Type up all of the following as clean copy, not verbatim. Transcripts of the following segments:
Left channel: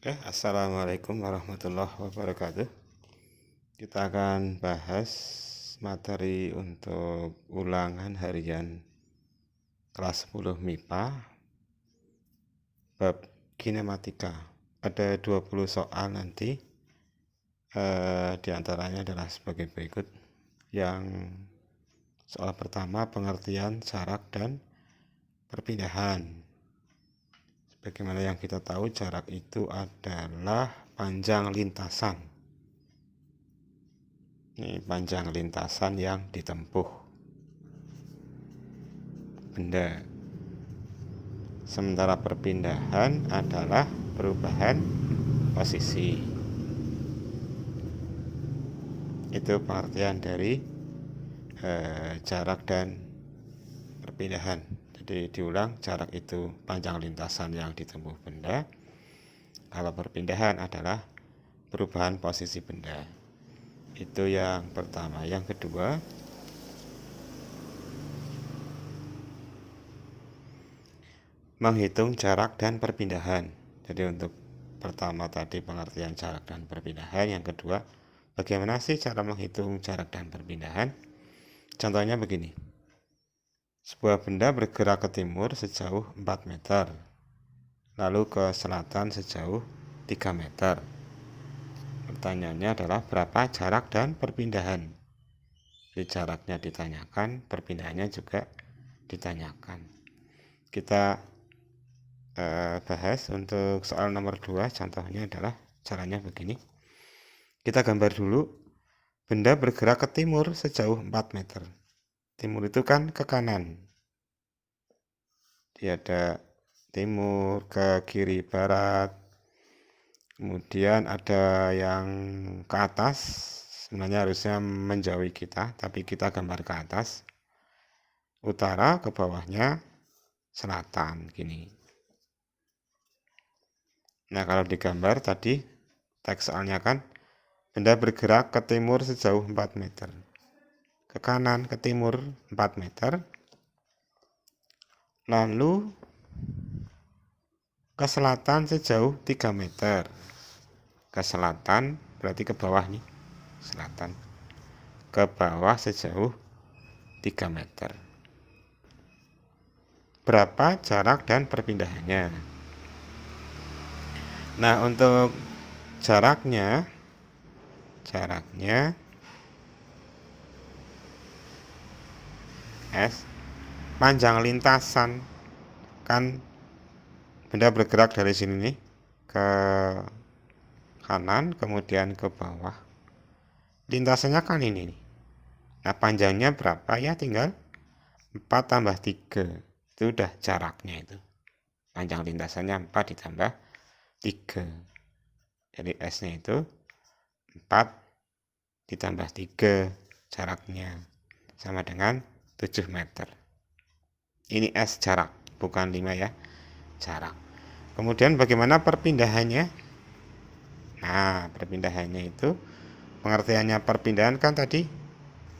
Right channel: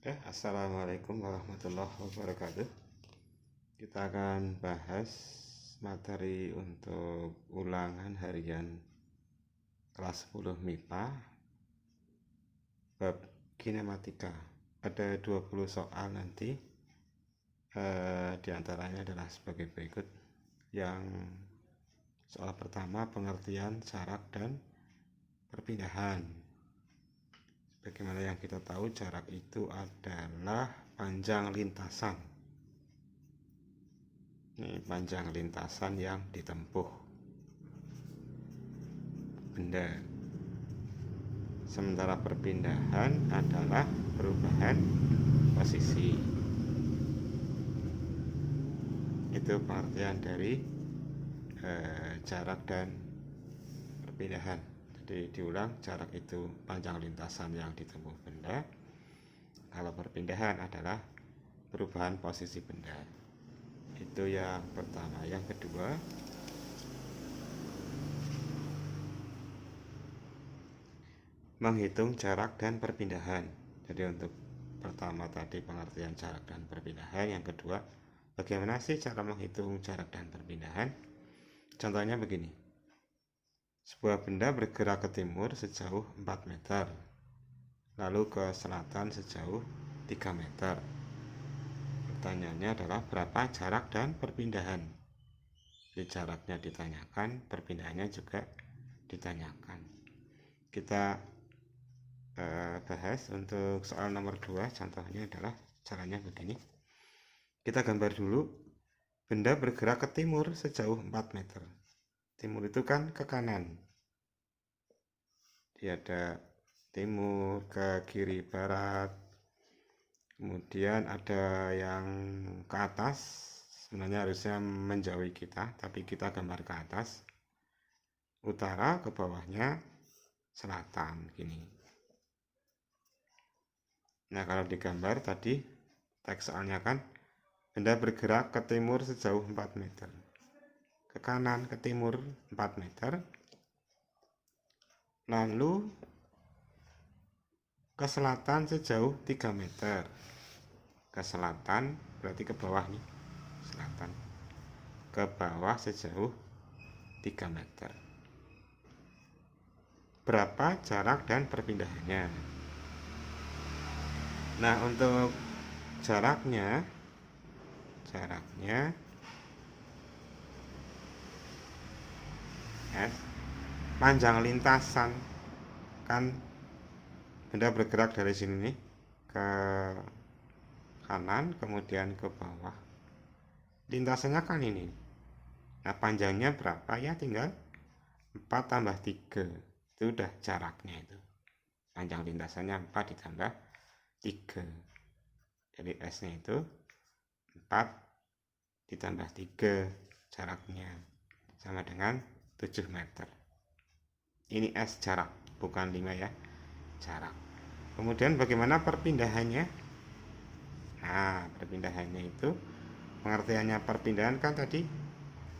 Assalamualaikum warahmatullahi wabarakatuh. Kita akan bahas materi untuk ulangan harian kelas 10 MIPA bab kinematika. Ada 20 soal nanti, diantaranya adalah sebagai berikut. Yang soal pertama, pengertian jarak dan perpindahan. Bagaimana yang kita tahu, jarak itu adalah panjang lintasan. Ini panjang lintasan yang ditempuh benda. Sementara perpindahan adalah perubahan posisi. Itu pengertian dari jarak dan perpindahan. Jadi diulang, jarak itu panjang lintasan yang ditempuh benda. Kalau perpindahan adalah perubahan posisi benda. Itu yang pertama. Yang kedua, menghitung jarak dan perpindahan. Jadi untuk pertama tadi pengertian jarak dan perpindahan. Yang kedua, bagaimana sih cara menghitung jarak dan perpindahan? Contohnya begini. Sebuah benda bergerak ke timur sejauh 4 meter, lalu ke selatan sejauh 3 meter. Pertanyaannya adalah berapa jarak dan perpindahan? Jadi jaraknya ditanyakan, perpindahannya juga ditanyakan. Kita bahas untuk soal nomor 2. Contohnya adalah caranya begini. Kita gambar dulu. Benda bergerak ke timur sejauh 4 meter. Timur itu kan ke kanan. Dia ada timur, ke kiri, barat. Kemudian ada yang ke atas. Sebenarnya harusnya menjauhi kita, tapi kita gambar ke atas. Utara, ke bawahnya selatan, gini. Nah, kalau digambar tadi, teks soalnya kan, benda bergerak ke timur sejauh 4 meter. Ke kanan, ke timur 4 meter. Lalu ke selatan sejauh 3 meter. Ke selatan berarti ke bawah nih, selatan. Ke bawah sejauh 3 meter. Berapa jarak dan perpindahannya? Nah, untuk jaraknya S, panjang lintasan kan benda bergerak dari sini nih ke kanan kemudian ke bawah. Lintasannya kan ini nih. Nah, panjangnya berapa ya? Tinggal 4 tambah 3. Itu udah jaraknya itu. Panjang lintasannya 4 ditambah 3. Jadi S-nya itu 4 ditambah 3 jaraknya. Sama dengan 7 meter. Ini S jarak, bukan 5 ya. Jarak. Kemudian bagaimana perpindahannya? Nah, perpindahannya itu pengertiannya perpindahan kan tadi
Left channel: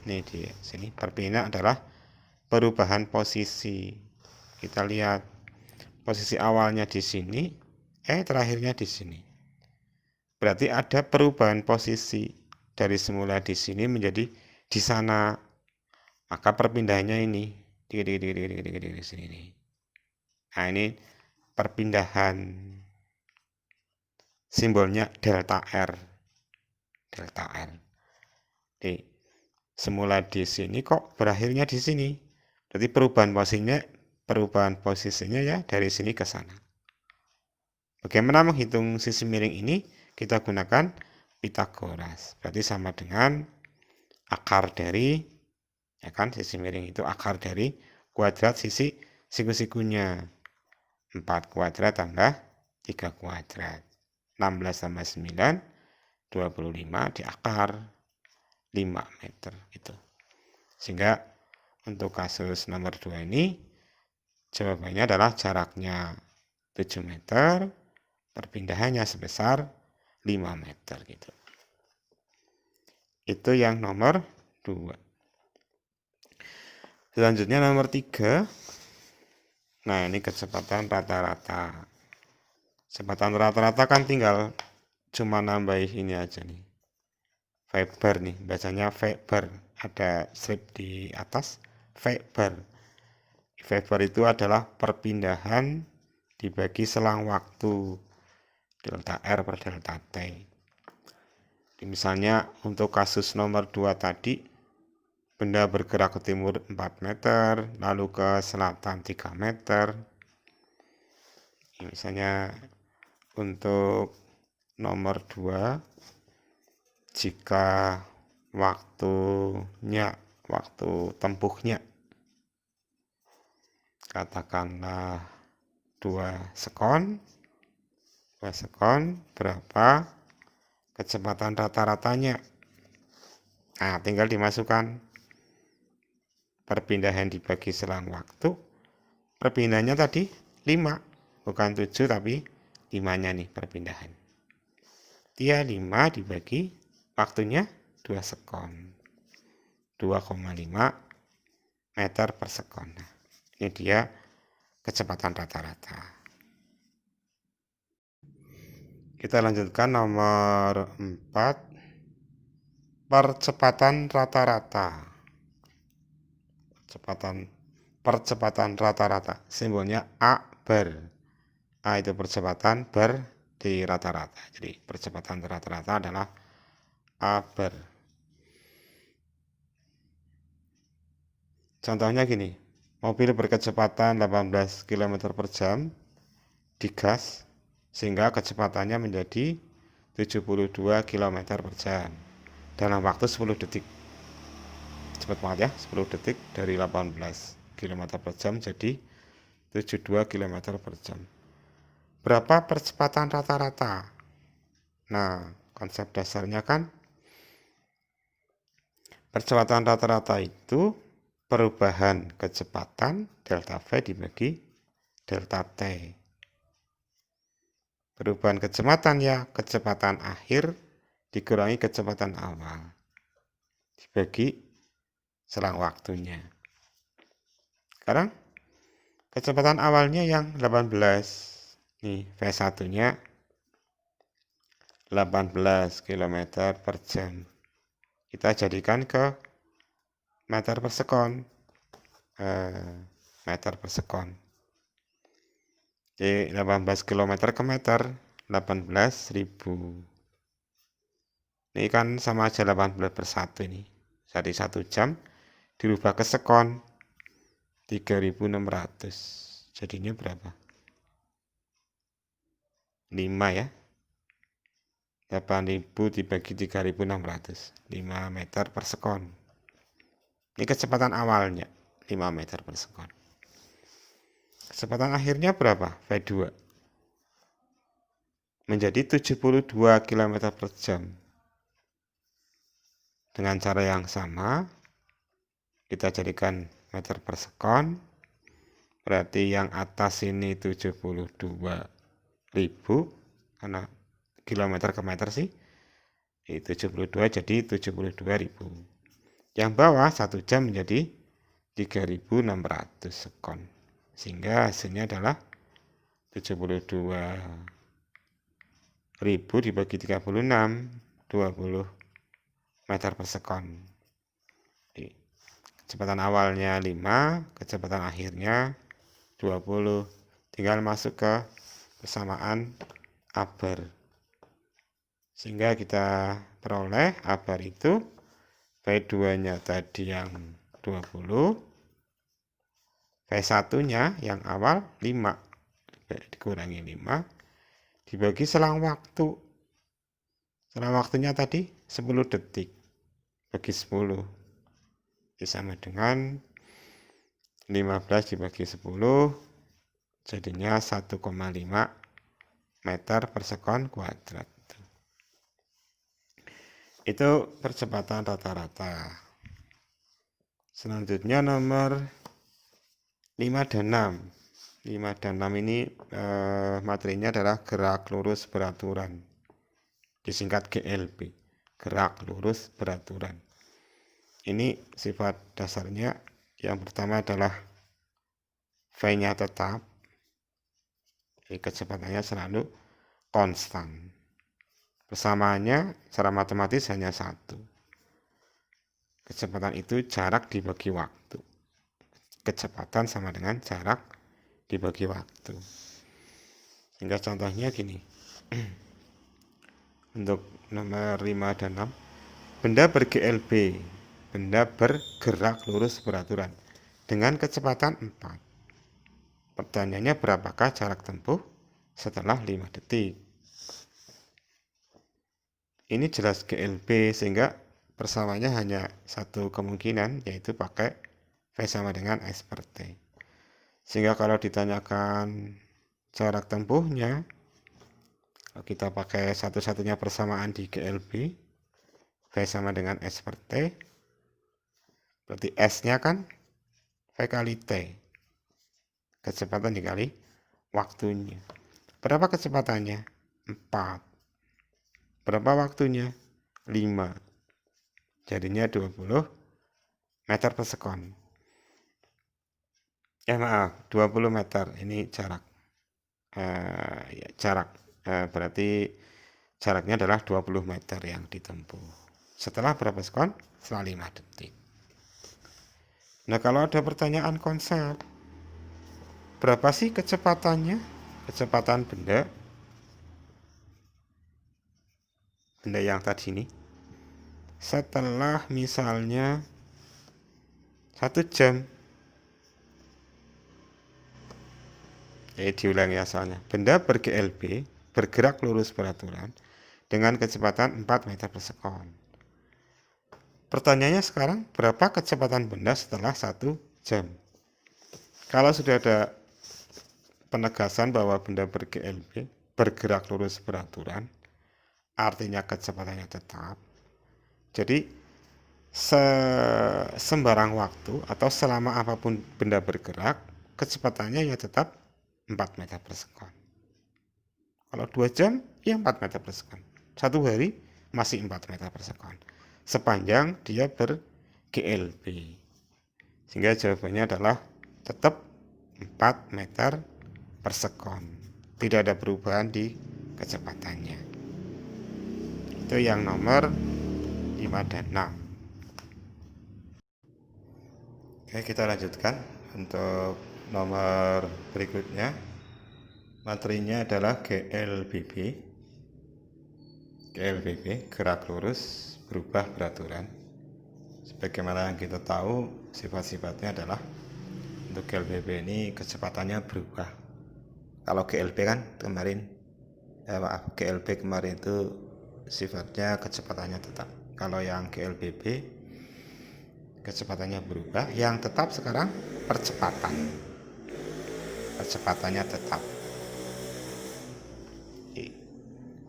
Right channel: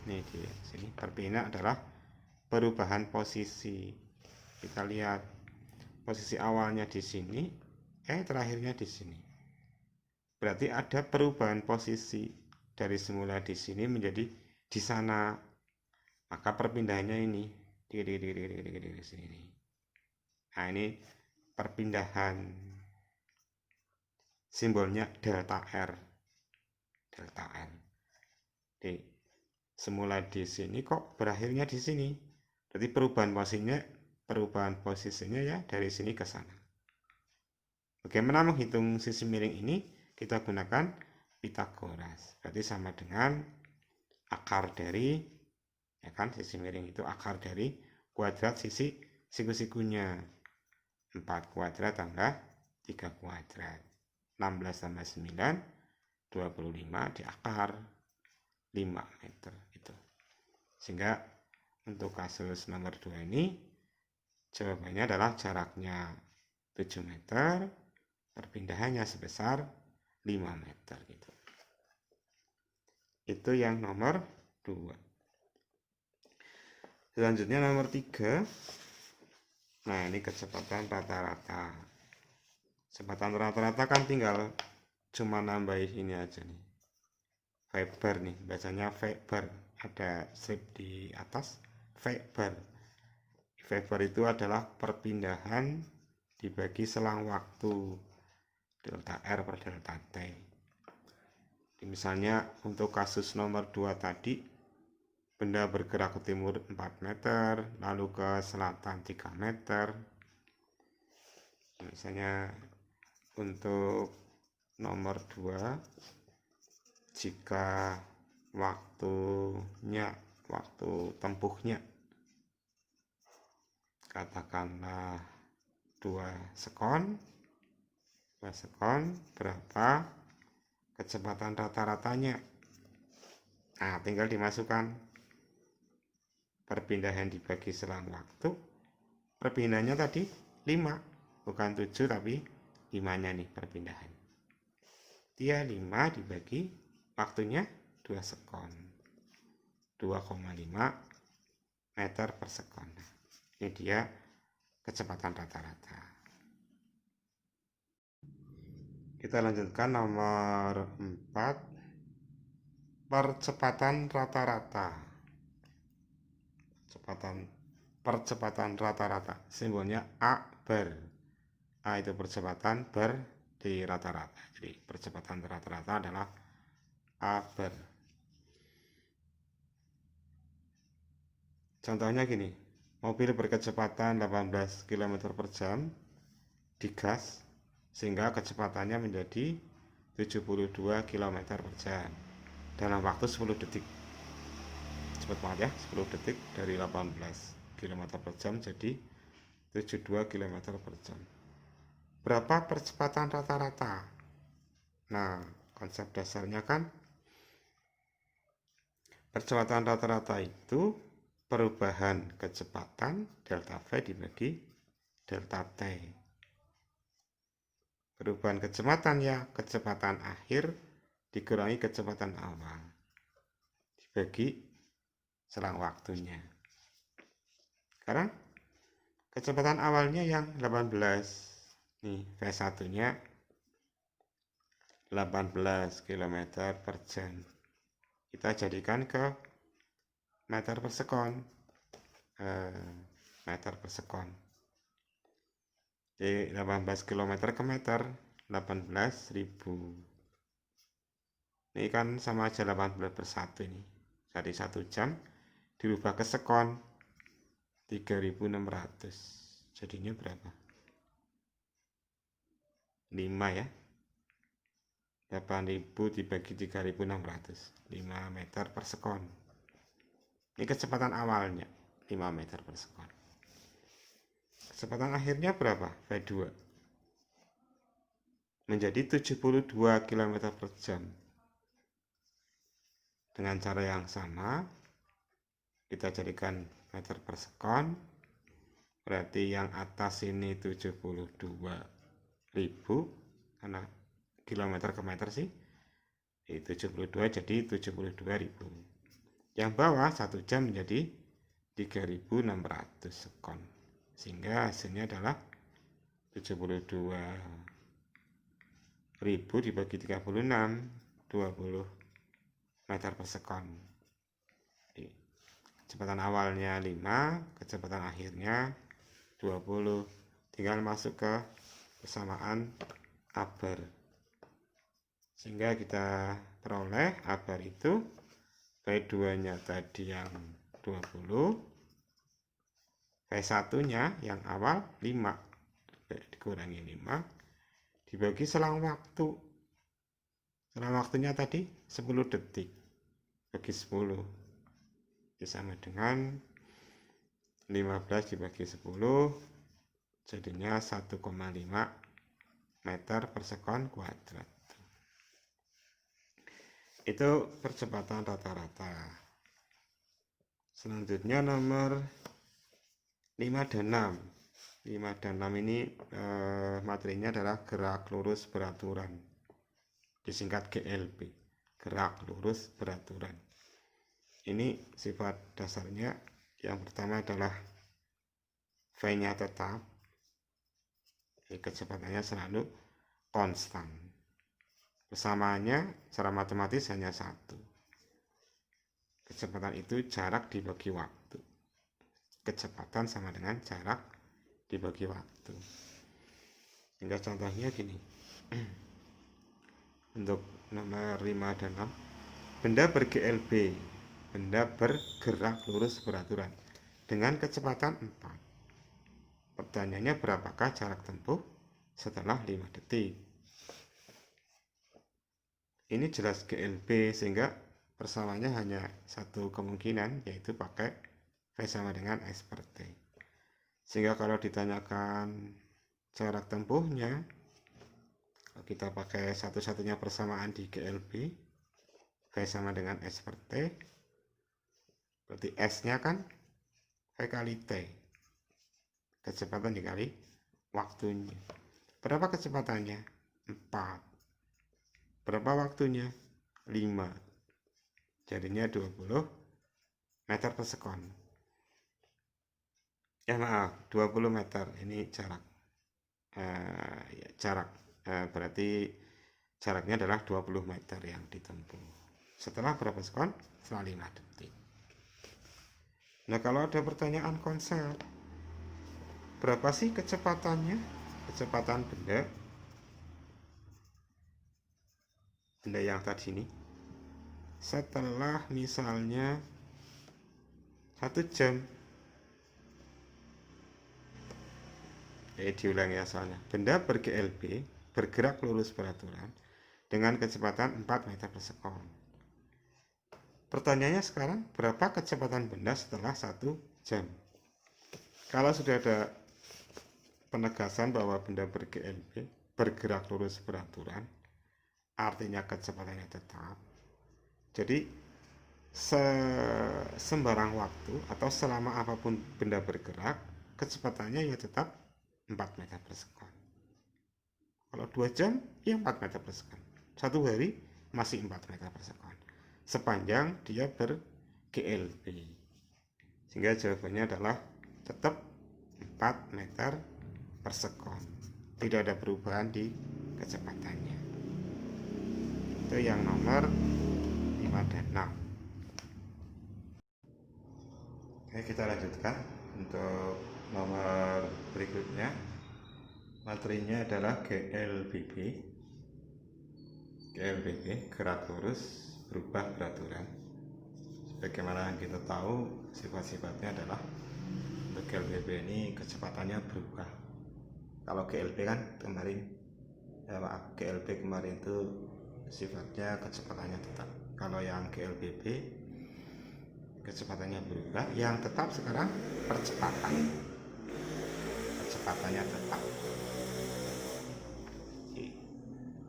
nih di sini. Perpindahan adalah perubahan posisi. Kita lihat posisi awalnya di sini, terakhirnya di sini. Berarti ada perubahan posisi dari semula di sini menjadi di sana. Maka perpindahannya ini di sini nih. Nah, ini perpindahan. Simbolnya delta R. Delta R. Di semula di sini kok berakhirnya di sini. Berarti perubahan posisinya ya dari sini ke sana. Bagaimana menghitung sisi miring ini? Kita gunakan Pitagoras. Berarti sama dengan akar dari, ya kan, sisi miring itu akar dari kuadrat sisi siku-sikunya. 4 kuadrat tambah 3 kuadrat. 16 tambah 9, 25 di akar 5 meter gitu. Sehingga untuk kasus nomor 2 ini jawabannya adalah jaraknya 7 meter, perpindahannya sebesar 5 meter gitu. Itu yang nomor 2. Selanjutnya nomor 3. Nah, ini kecepatan rata-rata. Kecepatan rata-rata kan tinggal cuma nambahin ini aja nih. Weber nih, bacanya Weber. Ada strip di atas, Weber. Weber itu adalah perpindahan dibagi selang waktu, delta R per delta T. Misalnya untuk kasus nomor 2 tadi, benda bergerak ke timur 4 meter, lalu ke selatan 3 meter. Misalnya untuk nomor 2, jika waktu tempuhnya katakanlah 2 sekon, berapa kecepatan rata-ratanya? Nah, tinggal dimasukkan perpindahan dibagi selang waktu. Perpindahannya tadi 5, bukan 7 tapi 5-nya nih perpindahan. Dia 5 dibagi waktunya 2 sekon. 2,5 meter per sekon. Nah, ini dia kecepatan rata-rata. Kita lanjutkan nomor 4. Percepatan rata-rata. Percepatan rata-rata. Simbolnya A bar. A itu percepatan, bar di rata-rata. Jadi percepatan rata-rata adalah A bar. Contohnya gini, mobil berkecepatan 18 km per jam digas sehingga kecepatannya menjadi 72 km per jam dalam waktu 10 detik. Cepat banget ya, 10 detik dari 18 km per jam jadi 72 km per jam. Berapa percepatan rata-rata? Nah, konsep dasarnya kan percepatan rata-rata itu perubahan kecepatan delta V dibagi delta T. Perubahan kecepatan ya, kecepatan akhir dikurangi kecepatan awal dibagi selang waktunya. Sekarang kecepatan awalnya yang 18. Nih, V1-nya 18 km per jam. Kita jadikan ke meter per sekon. Meter per sekon. Jadi 18 km ke meter, 18.000. Ini kan sama aja 18 per 1 ini. Jadi 1 jam dirubah ke sekon, 3.600. Jadinya berapa? 5 ya. 8.000 dibagi 3.600. 5 meter per sekon. Ini kecepatan awalnya, 5 meter per sekon. Kecepatan akhirnya berapa? V2 menjadi 72 km per jam. Dengan cara yang sama, kita jadikan meter per sekon. Berarti yang atas ini 72.000, karena kilometer ke meter sih. 72 jadi 72.000. Yang bawah 1 jam menjadi 3.600 sekon. Sehingga hasilnya adalah 72.000 dibagi 36, 20 meter per sekon. Jadi, kecepatan awalnya 5, kecepatan akhirnya 20. Tinggal masuk ke persamaan A bar. Sehingga kita peroleh A bar itu V2-nya tadi yang 20, V1-nya yang awal 5, dikurangi 5, dibagi selang waktu. Selang waktunya tadi 10 detik, bagi 10. Sama dengan 15 dibagi 10, jadinya 1,5 meter per sekon kuadrat. Itu percepatan rata-rata. Selanjutnya nomor 5 dan 6. 5 dan 6 ini materinya adalah gerak lurus beraturan. Disingkat GLB, gerak lurus beraturan. Ini sifat dasarnya. Yang pertama adalah V-nya tetap. Jadi kecepatannya selalu konstan. Persamaannya secara matematis hanya satu. Kecepatan itu jarak dibagi waktu. Kecepatan sama dengan jarak dibagi waktu. Sehingga contohnya gini. Untuk nomor 5 dan 6. Benda ber-GLB. Benda bergerak lurus beraturan dengan kecepatan 4. Pertanyaannya berapakah jarak tempuh setelah 5 detik? Ini jelas GLB sehingga persamaannya hanya satu kemungkinan, yaitu pakai V sama dengan S per T. Sehingga kalau ditanyakan jarak tempuhnya, kalau kita pakai satu-satunya persamaan di GLB, V sama dengan S per T, berarti S-nya kan V kali T. Kecepatan dikali waktunya. Berapa kecepatannya? 4. Berapa waktunya? 5. Jadinya 20 meter per sekon. Maaf, 20 meter. Ini jarak. Berarti jaraknya adalah 20 meter yang ditempuh. Setelah berapa sekon? Setelah 5 detik. Nah, kalau ada pertanyaan konsep, berapa sih kecepatannya? Kecepatan benda yang tadi ini. Setelah misalnya 1 jam. Diulang ya soalnya. Benda ber-GLB bergerak lurus beraturan dengan kecepatan 4 meter per sekon. Pertanyaannya sekarang, berapa kecepatan benda setelah 1 jam? Kalau sudah ada penegasan bahwa benda ber-GLB bergerak lurus beraturan, artinya kecepatannya tetap. Jadi sembarang waktu atau selama apapun benda bergerak, kecepatannya ya tetap 4 meter per sekon. Kalau 2 jam, ya 4 meter per sekon. 1 hari, masih 4 meter per sekon. Sepanjang dia ber-GLB. Sehingga jawabannya adalah tetap 4 meter per sekon. Tidak ada perubahan di kecepatannya. Itu yang nomor 5 dan 6. Oke, kita lanjutkan untuk nomor berikutnya. Materinya adalah GLBB. GLBB, gerak lurus berubah beraturan. Sebagaimana yang kita tahu, sifat-sifatnya adalah untuk GLBB ini kecepatannya berubah. Kalau GLB kan kemarin GLB kemarin itu sifatnya kecepatannya tetap. Kalau yang GLBB kecepatannya berubah, yang tetap sekarang kecepatannya tetap.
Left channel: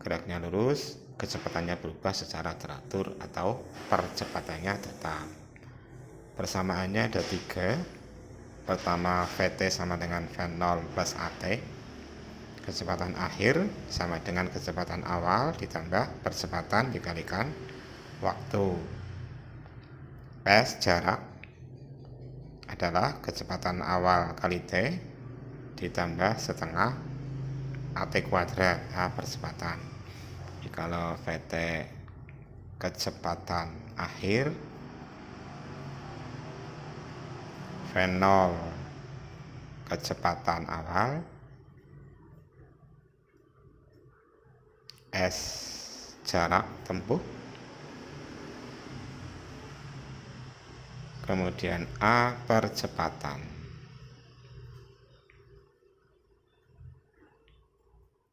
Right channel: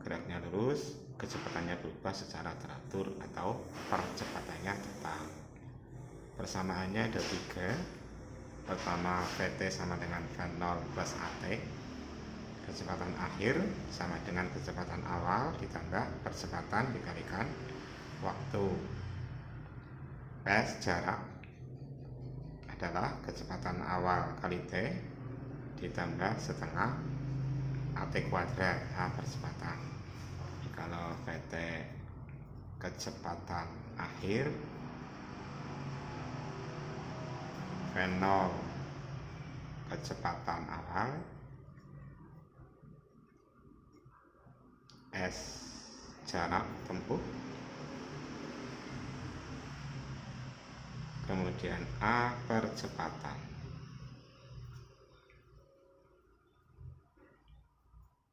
Geraknya lurus, kecepatannya berubah secara teratur atau percepatannya tetap. Persamaannya ada 3. Pertama, VT sama dengan V0 plus AT. Kecepatan akhir sama dengan kecepatan awal ditambah percepatan dikalikan waktu. S jarak adalah kecepatan awal kali T ditambah setengah AT kuadrat percepatan. Kalau VT kecepatan akhir, V0 kecepatan awal, S jarak tempuh, kemudian A percepatan.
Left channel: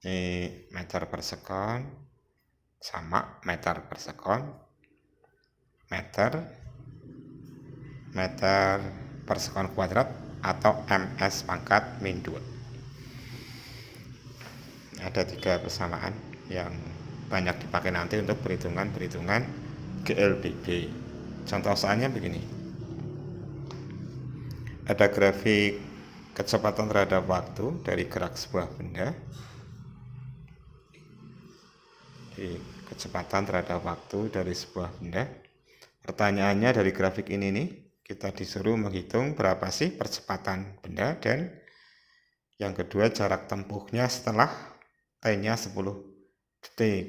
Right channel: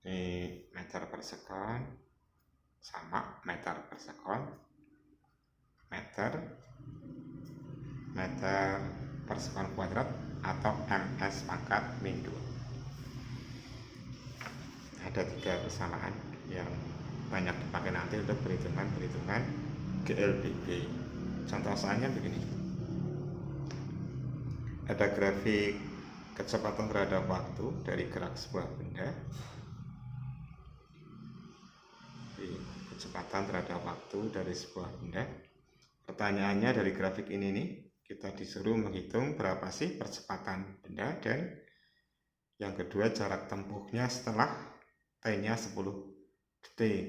Ini meter per sekon sama meter per sekon, meter per sekon kuadrat atau ms pangkat min 2. Ada 3 persamaan yang banyak dipakai nanti untuk perhitungan GLBB. Contoh soalnya begini. Ada grafik kecepatan terhadap waktu dari gerak sebuah benda. Kecepatan terhadap waktu dari sebuah benda. Pertanyaannya dari grafik ini nih, kita disuruh menghitung berapa sih percepatan benda, dan yang kedua jarak tempuhnya setelah T-nya 10 detik.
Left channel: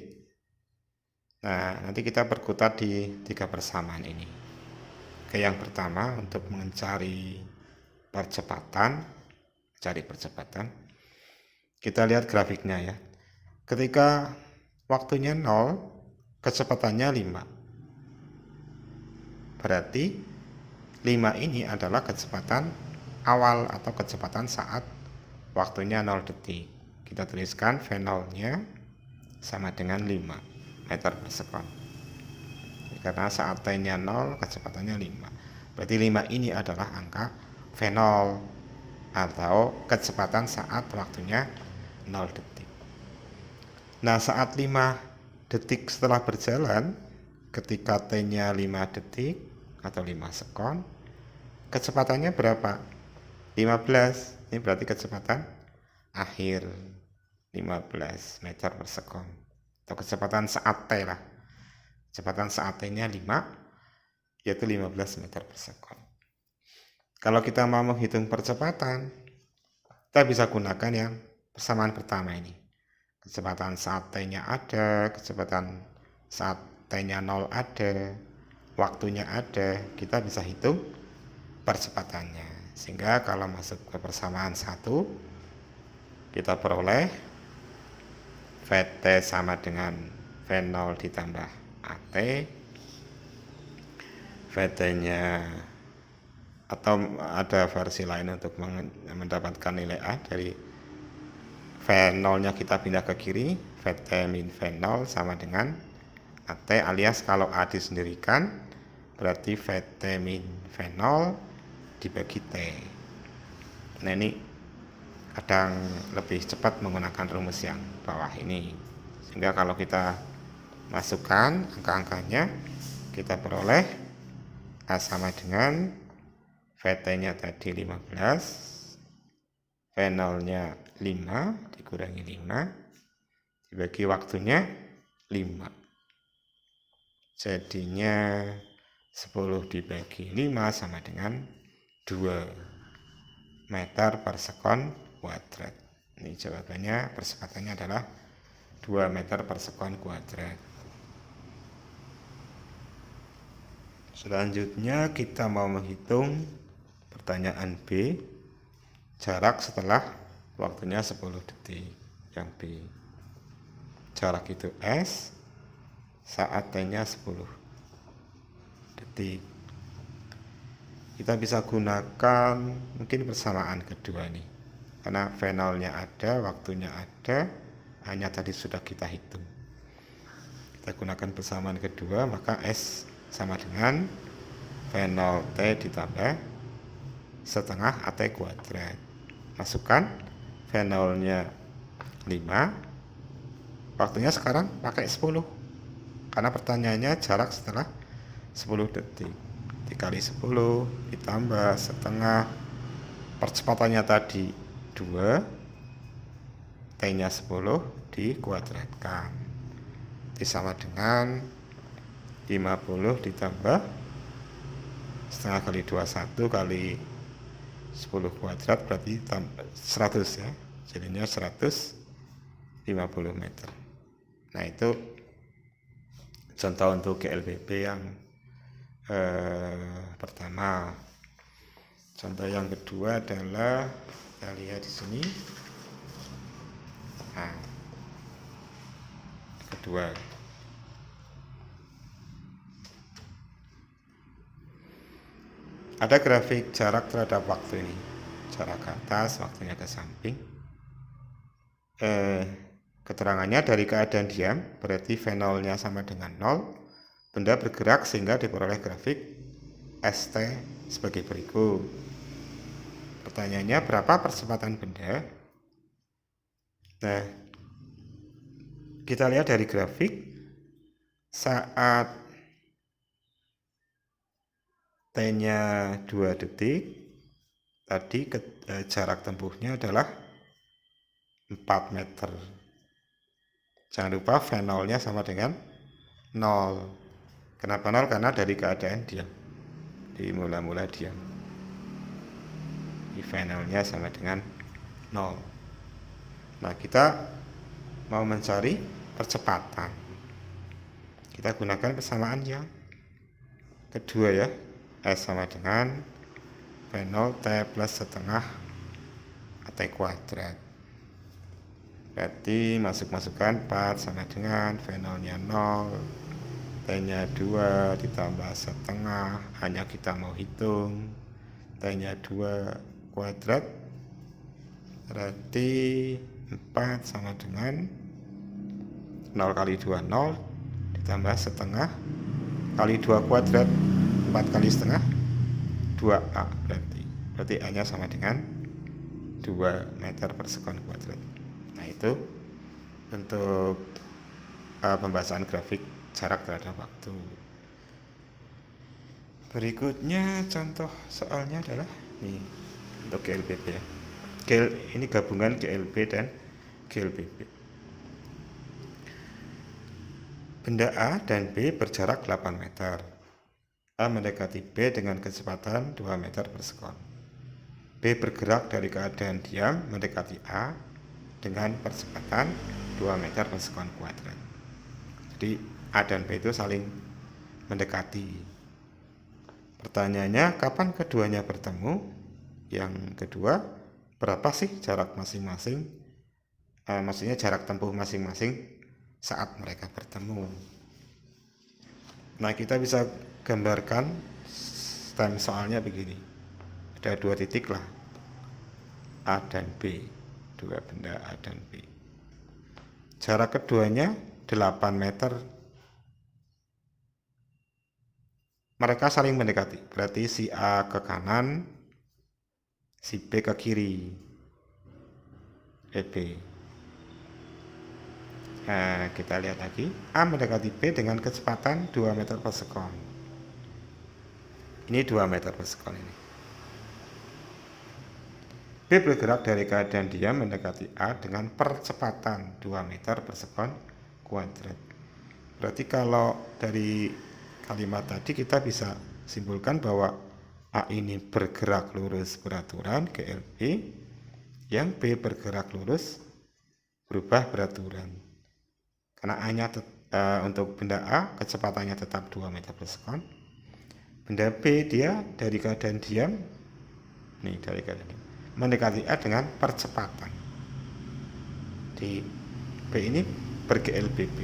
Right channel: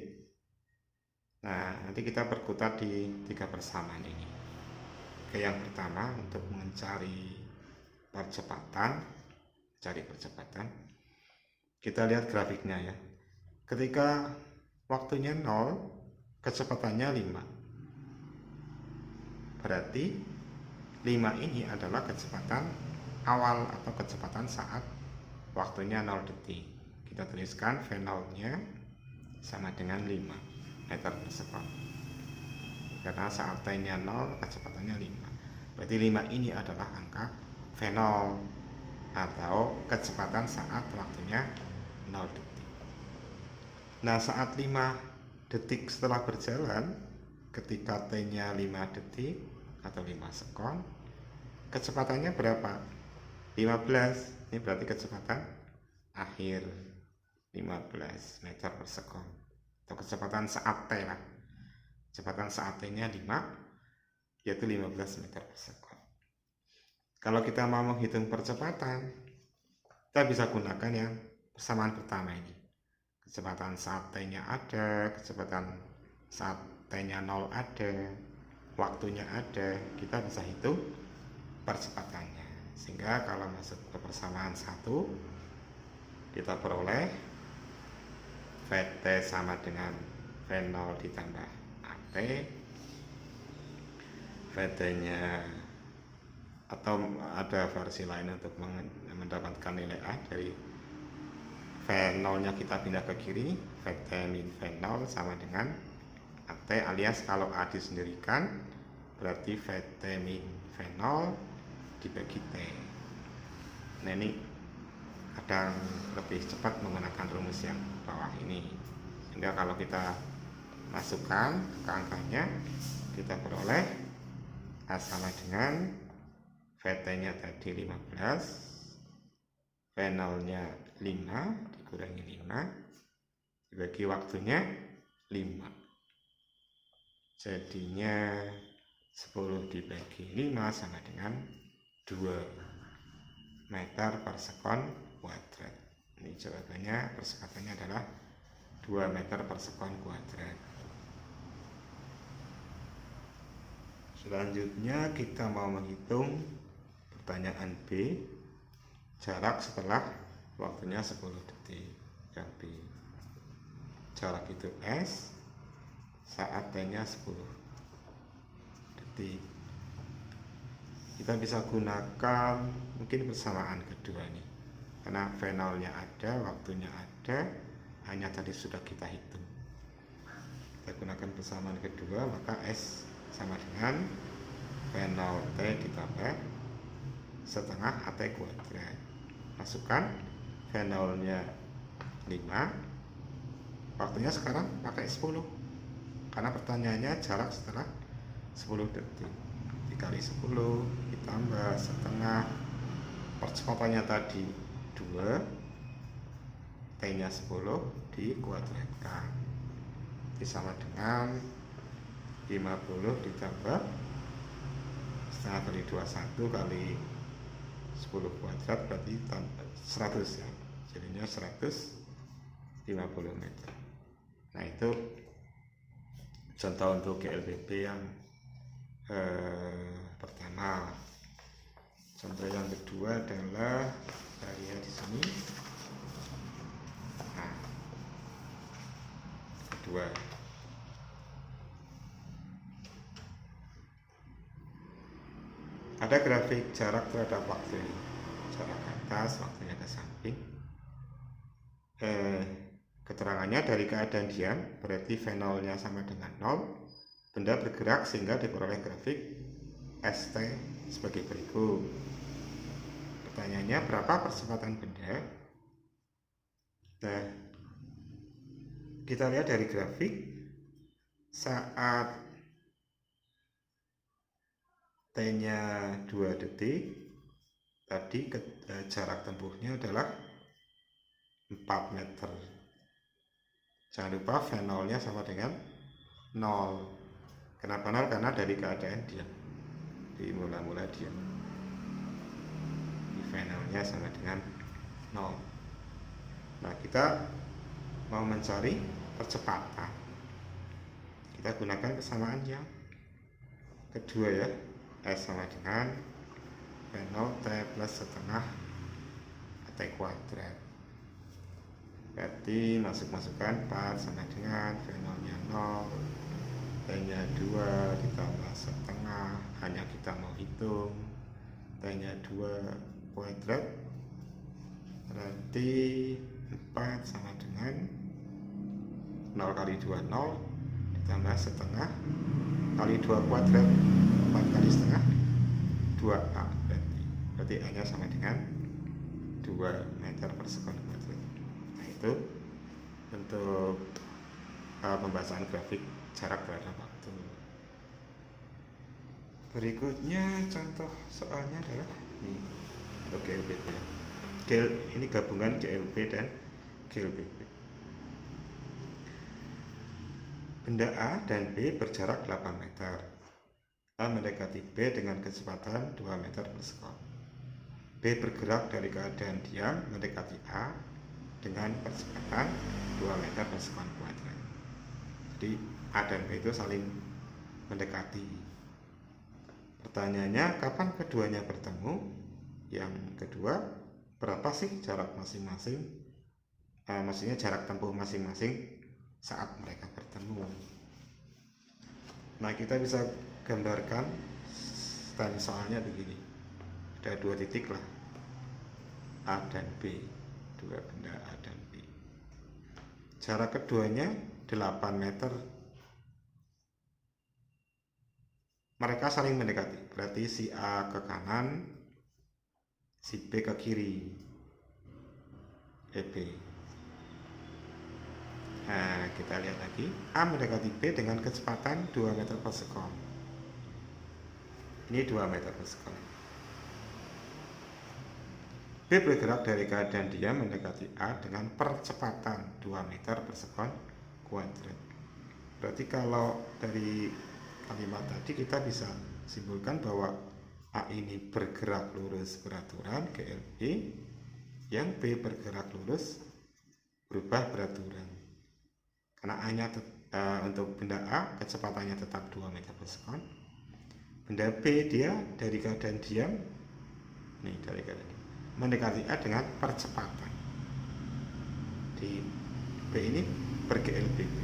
Nah, nanti kita perkutat di 3 persamaan ini. Oke, yang pertama untuk mencari percepatan, kita lihat grafiknya ya. Ketika waktunya 0, kecepatannya 5. Berarti 5 ini adalah kecepatan awal atau kecepatan saat waktunya 0 detik. Kita tuliskan V0-nya sama dengan 5 meter per sekon. Karena saat T-nya 0, kecepatannya 5. Berarti 5 ini adalah angka V0 atau kecepatan saat waktunya 0 detik. Nah, saat 5 detik setelah berjalan, ketika T-nya 5 detik atau 5 sekon, kecepatannya berapa? 15. Ini berarti kecepatan akhir 15 meter per sekon. Atau kecepatan saat T lah. Kecepatan saat T-nya 5, yaitu 15 meter per sekon. Kalau kita mau menghitung percepatan, kita bisa gunakan yang persamaan pertama ini. Kecepatan saat T-nya ada, kecepatan saat T-nya 0 ada, waktunya ada, kita bisa hitung percepatannya. Sehingga kalau masuk ke persamaan 1, kita peroleh Vt sama dengan V0 ditambah At. Vt-nya, atau ada versi lain untuk mendapatkan nilai A, dari V0-nya kita pindah ke kiri, Vt min V0 sama dengan At, alias kalau A disendirikan berarti Vt min V0 dibagi T. Nah, ini kadang lebih cepat menggunakan rumus yang bawah ini, sehingga kalau kita masukkan angka-angkanya, kita peroleh A sama dengan Vt-nya tadi 15, V0-nya 5 dikurangi 5 dibagi waktunya 5, jadinya 10 dibagi 5 sama dengan 2 meter per sekon kuadrat. Ini jawabannya, percepatannya adalah 2 meter per sekon kuadrat. Selanjutnya kita mau menghitung pertanyaan B, jarak setelah waktunya 10 detik. Yang B, jarak itu S, saat T-nya 10 detik. Kita bisa gunakan mungkin persamaan kedua nih, karena V0-nya ada, waktunya ada, hanya tadi sudah kita hitung. Kita gunakan persamaan kedua, maka S sama dengan V0T ditambah setengah At kuadrat. Masukkan V0-nya 5, waktunya sekarang pakai 10, karena pertanyaannya jarak setelah 10 detik. Dikali 10 ditambah setengah, percepatannya tadi 2, T-nya 10 dikuadratkan, sama dengan 50 ditambah setengah kali 21 kali 10 kuadrat berarti 100 ya, jadinya 150 meter. Nah, itu contoh untuk GLBP yang pertama. Contoh yang kedua adalah, kita lihat di sini. Nah, kedua, ada grafik jarak terhadap waktu ini, jarak ke atas, waktunya ke samping. Keterangannya dari keadaan diam, berarti V0-nya sama dengan 0, benda bergerak sehingga diperoleh grafik ST sebagai berikut. Pertanyaannya, berapa percepatan benda? Nah, kita lihat dari grafik, saat T-nya 2 detik, tadi jarak tempuhnya adalah 4 meter. Jangan lupa V0-nya sama dengan 0. Kenapa 0? Karena dari keadaan diam, di mula-mula diam. V0-nya sama dengan 0. Nah, kita mau mencari percepatan, kita gunakan persamaan yang kedua ya. S sama dengan V0 T plus setengah AT kuadrat. Berarti masukkan 4 sama dengan V0 nya 0, T nya 2 ditambah setengah, hanya kita mau hitung T nya 2 kuadrat, berarti 4 sama dengan 0 kali 2 0 ditambah setengah kali 2 kuadrat, 4 kali setengah 2A, berarti A nya sama dengan 2 meter per sekon kuadrat. Nah itu untuk pembahasan grafik jarak terhadap waktu. Berikutnya contoh soalnya adalah nih untuk GLBB ya. Ini gabungan GLB dan GLBB. Benda A dan B berjarak 8 meter. A mendekati B dengan kecepatan 2 meter per sekon. B bergerak dari keadaan diam mendekati A dengan percepatan 2 meter per sekon kuadrat. Jadi A dan B itu saling mendekati. Pertanyaannya, kapan keduanya bertemu? Yang kedua, berapa sih jarak masing-masing? Maksudnya jarak tempuh masing-masing saat mereka bertemu. Nah, kita bisa gambarkan time soalnya begini. Ada 2 titik lah, A dan B, 2 benda A dan B. Jarak keduanya 8 meter. Mereka saling mendekati, berarti si A ke kanan, si B ke kiri, B. Nah, kita lihat lagi, A mendekati B dengan kecepatan 2 meter per sekon. Ini 2 meter per sekon ini. B bergerak dari keadaan diam mendekati A dengan percepatan 2 meter per sekon kuadrat. Berarti kalau dari kalimat tadi kita bisa simpulkan bahwa A ini bergerak lurus beraturan GLB, yang B bergerak lurus berubah beraturan. Karena A-nya untuk benda A kecepatannya tetap 2 meter per sekon. Benda B dia dari keadaan diam, nih dari keadaan diam, mendekati A dengan percepatan. Di B ini ber-GLBB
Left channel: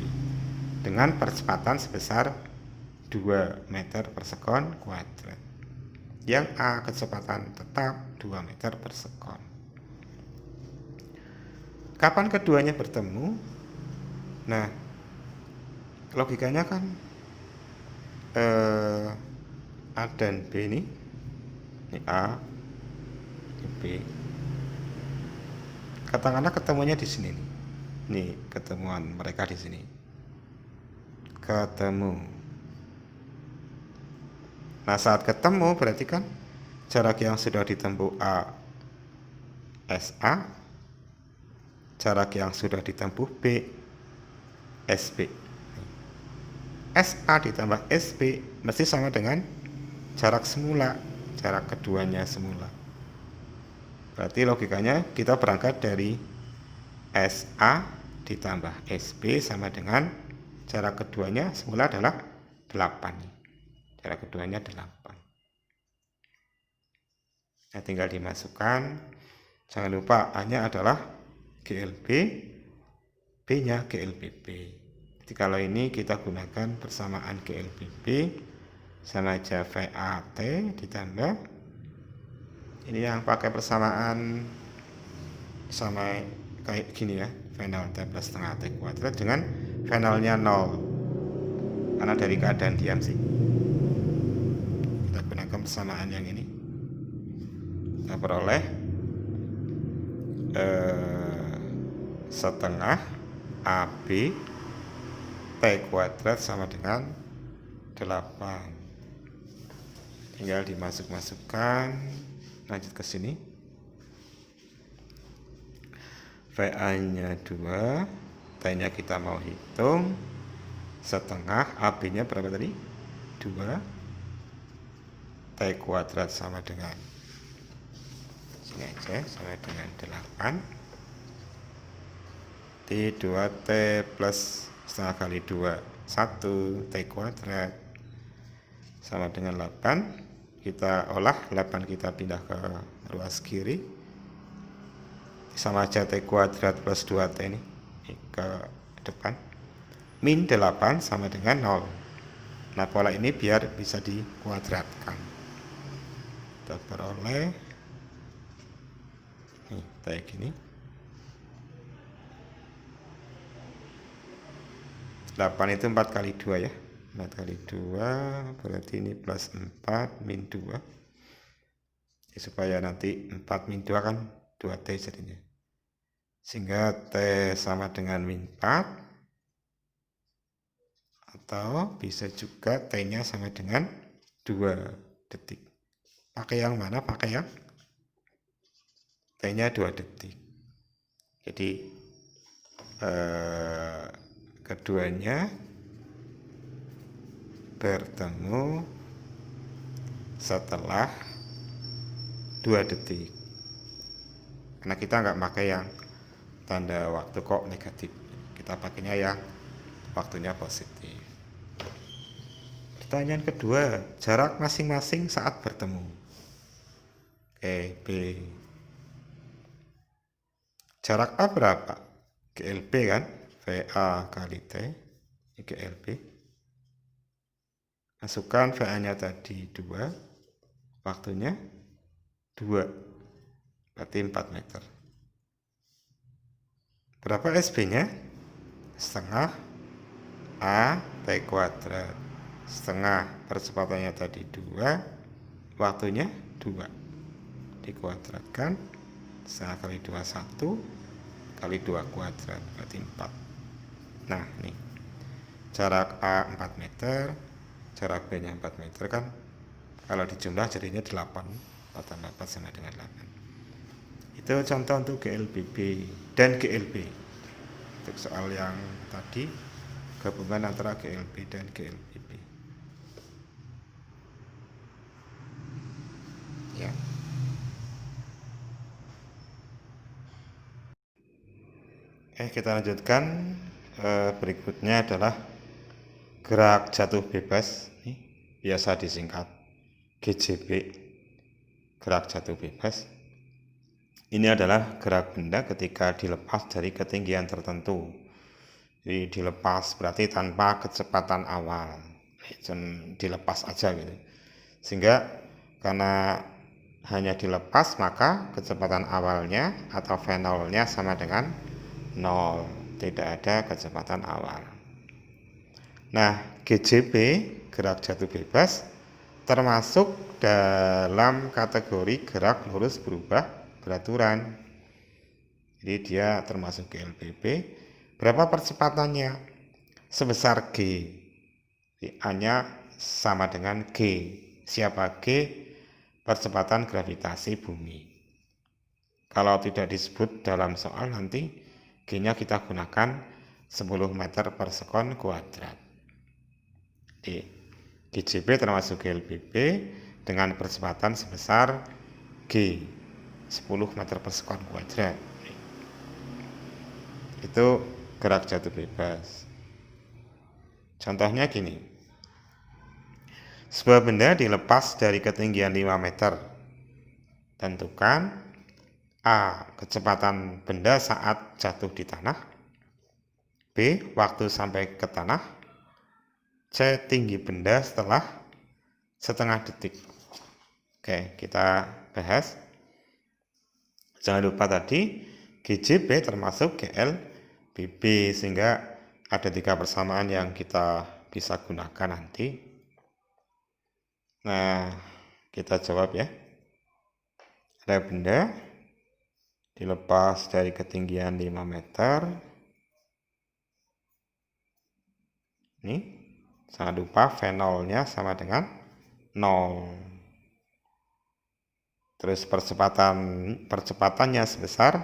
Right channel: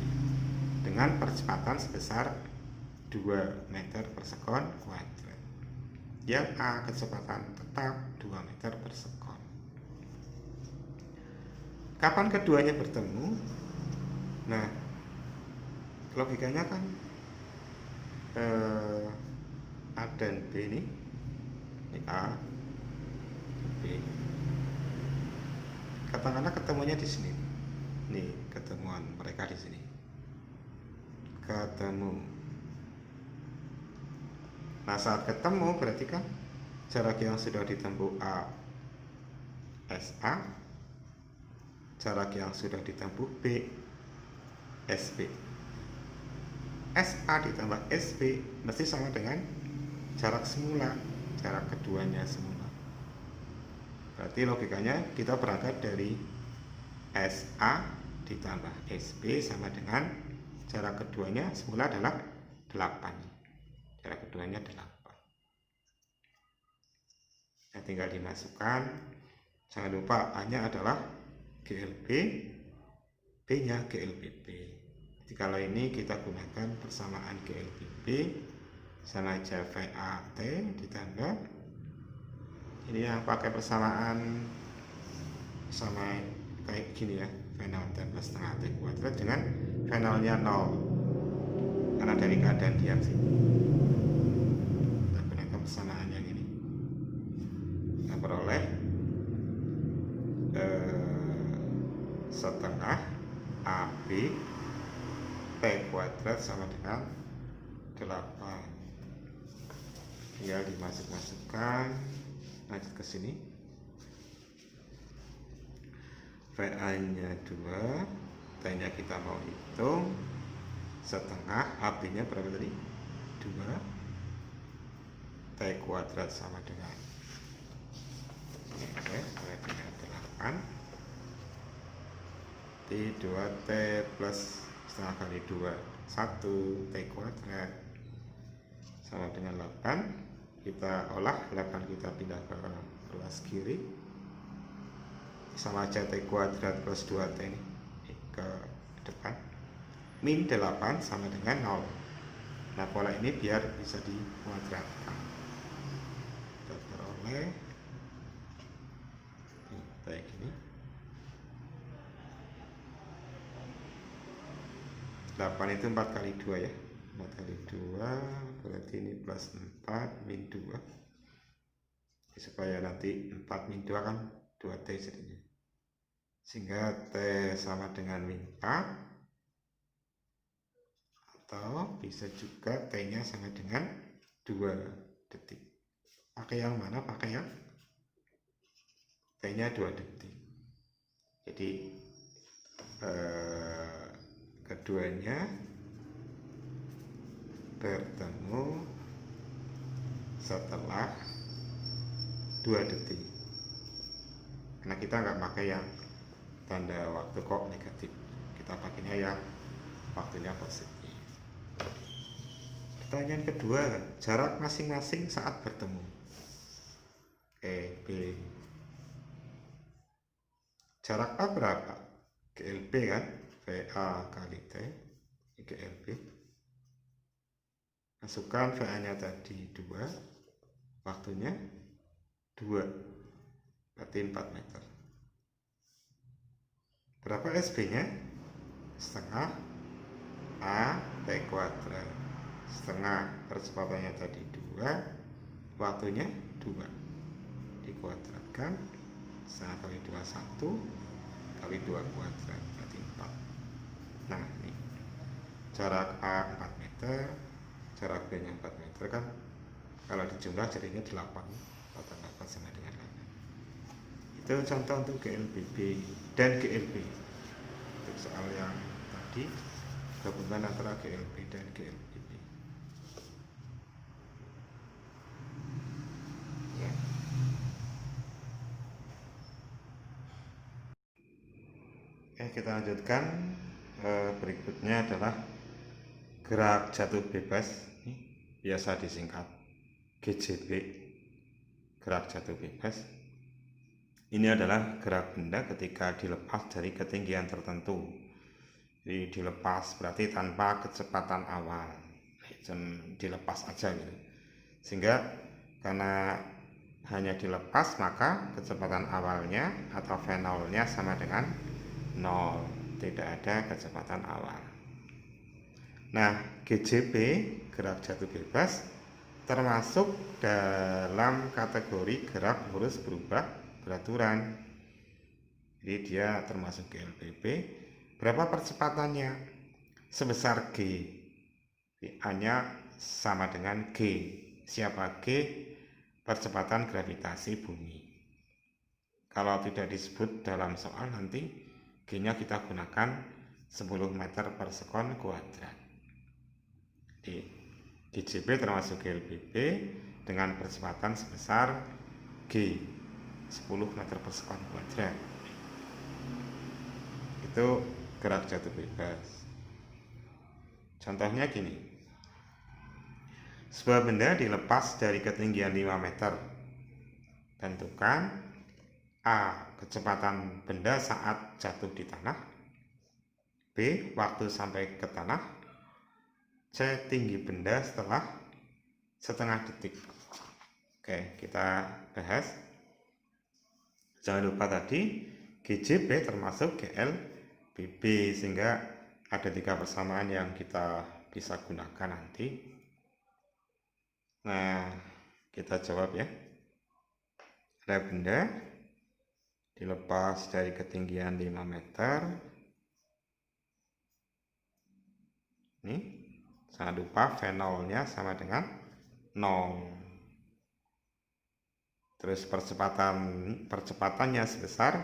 dengan percepatan sebesar 2 meter per sekon kuadrat. Yang A kecepatan tetap 2 meter per sekon. Kapan keduanya bertemu? Nah, logikanya kan A dan B ini A, ini B. Katakanlah ketemunya di sini nih. Nih ketemuan mereka di sini. Ketemu. Nah, saat ketemu berarti kan jarak yang sudah ditempuh A SA, jarak yang sudah ditempuh B SB. SA ditambah SB mesti sama dengan jarak semula, jarak keduanya semula. Berarti logikanya kita berangkat dari SA ditambah SB sama dengan jarak keduanya semula adalah 8. Jarak keduanya 8. Nah, tinggal dimasukkan. Jangan lupa A-nya adalah GLB, B-nya GLBB. Jadi kalau ini kita gunakan persamaan GLBB sama aja VAT ditambah ini yang pakai persamaan sama kayak gini ya, V0 T plus setengah T kuadrat dengan V0-nya 0 karena dari keadaan diam sih. Kita gunakan persamaan yang ini, kita peroleh setengah AB T kuadrat sama dengan 8. Tinggal dimasukkan, lanjut ke sini. VA nya 2, T nya kita mau hitung, setengah AB nya berapa tadi? 2, T kuadrat sama dengan sini aja, sama dengan 8. Berarti 2T plus setengah kali 2 1 T kuadrat sama dengan 8. Kita olah 8, kita pindah ke ruas kiri, sama aja T kuadrat plus 2T ini ke depan. Min 8 sama dengan 0. Nah, pola ini biar bisa dikuadratkan, kita peroleh kayak gini. 8 itu 4 kali 2 ya. 4 kali 2 berarti ini plus 4 min 2 ya, supaya nanti 4 min 2 kan 2T jadinya, sehingga T sama dengan min 4, atau bisa juga T nya sama dengan 2 detik. Pakai yang mana? Pakai yang T nya 2 detik. Jadi keduanya bertemu setelah 2 detik, karena kita nggak pakai yang tanda waktu kok negatif, kita pakainya yang waktunya positif. Pertanyaan kedua, jarak masing-masing saat bertemu. Oke, B. Jarak A berapa? GLB kan, VA kali T, ini GLB. Masukkan VA nya tadi 2, waktunya 2, berarti 4 meter. Berapa SB nya? Setengah A T kuadrat, setengah percepatannya tadi 2, waktunya 2, dikuadratkan, setengah kali 2 1 kali 2 kuadrat berarti 4. Nah, ini jarak A 4 meter, jarak B nya 4 meter kan, kalau dijumlah jadinya 8, 4 tambah 4 sama dengan 8. Itu contoh untuk GLBB dan GLB. Untuk soal yang tadi, gabungan antara GLB dan GLBB ya. Kita lanjutkan. Berikutnya adalah gerak jatuh bebas, biasa disingkat GJB, gerak jatuh bebas. Ini adalah gerak benda ketika dilepas dari ketinggian tertentu. Jadi dilepas berarti tanpa kecepatan awal, dilepas aja gitu. Sehingga karena hanya dilepas, maka kecepatan awalnya atau V0-nya sama dengan 0, tidak ada kecepatan awal. Nah, GJB, gerak jatuh bebas, termasuk dalam kategori gerak lurus berubah beraturan. Jadi dia termasuk GLBB. Berapa percepatannya? Sebesar G. A-nya sama dengan G. Siapa G? Percepatan gravitasi bumi. Kalau tidak disebut dalam soal, nanti G-nya kita gunakan 10 meter per sekon kuadrat. GJB termasuk GLBB dengan percepatan sebesar G, 10 meter per sekon kuadrat. Itu gerak jatuh bebas. Contohnya gini, sebuah benda dilepas dari ketinggian 5 meter. Tentukan A, kecepatan benda saat jatuh di tanah, B, waktu sampai ke tanah, C, tinggi benda setelah setengah detik. Oke, kita bahas. Jangan lupa tadi GJB termasuk GLBB, sehingga ada 3 persamaan yang kita bisa gunakan nanti. Nah, kita jawab ya. Ada benda dilepas dari ketinggian 5 meter. Ini, jangan lupa V0-nya sama dengan 0. Terus percepatannya sebesar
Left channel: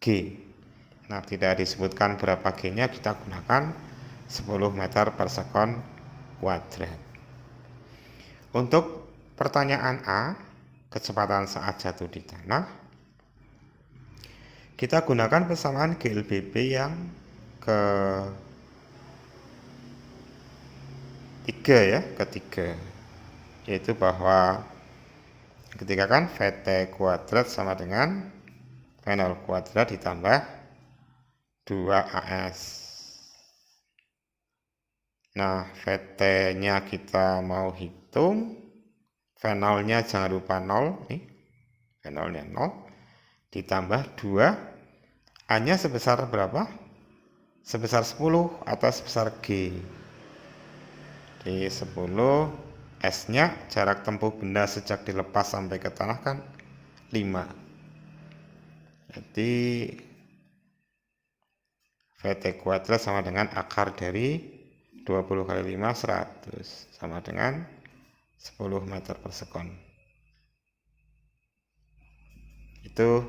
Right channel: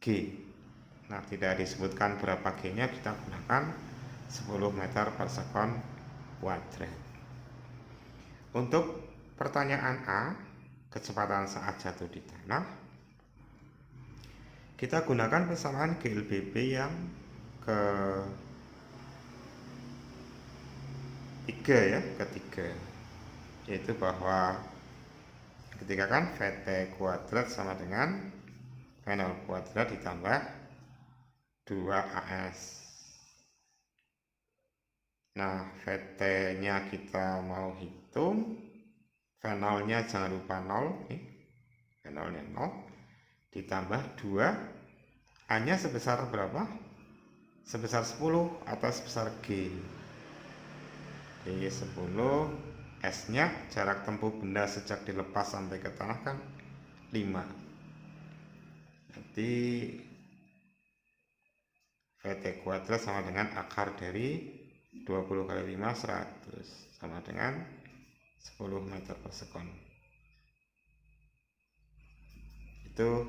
G. Nah, tidak disebutkan berapa G-nya, kita gunakan 10 meter per sekon kuadrat. Untuk pertanyaan A, kecepatan saat jatuh di tanah, Kita gunakan persamaan GLBB yang ketiga, yaitu bahwa ketika kan VT kuadrat sama dengan V0 kuadrat ditambah 2AS. Nah, VT nya kita mau hitung, V0 nya jangan lupa 0 nih, V0 nya 0 ditambah 2, A nya sebesar berapa? Sebesar 10 atau sebesar G. Di 10, S nya jarak tempuh benda sejak dilepas sampai ke tanah kan 5. Jadi VT kuadrat sama dengan akar dari 20 kali 5, 100, sama dengan 10 meter per sekon. Itu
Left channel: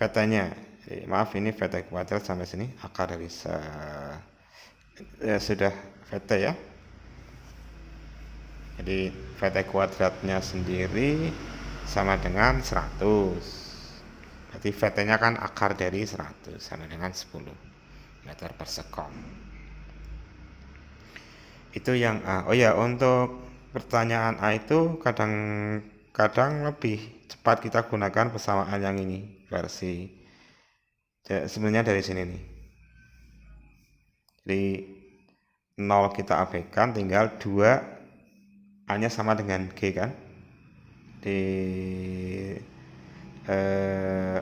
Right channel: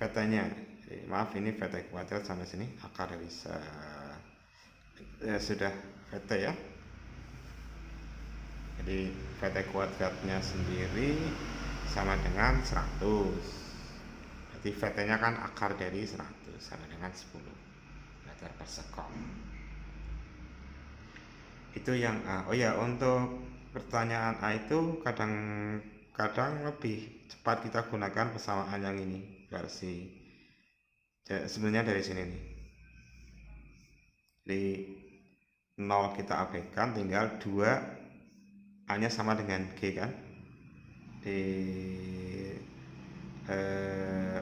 VT nya. Maaf, ini VT kuadrat sampai sini, akar dari ya sudah VT ya. Jadi VT kuadratnya sendiri sama dengan 100. Jadi VT nya kan akar dari 100 sama dengan 10 meter per sekon. Itu yang A. Oh ya, untuk pertanyaan A itu kadang lebih cepat kita gunakan persamaan yang ini, versi sebenarnya dari sini nih. Jadi 0 kita abaikan, tinggal 2 A nya sama dengan G kan, di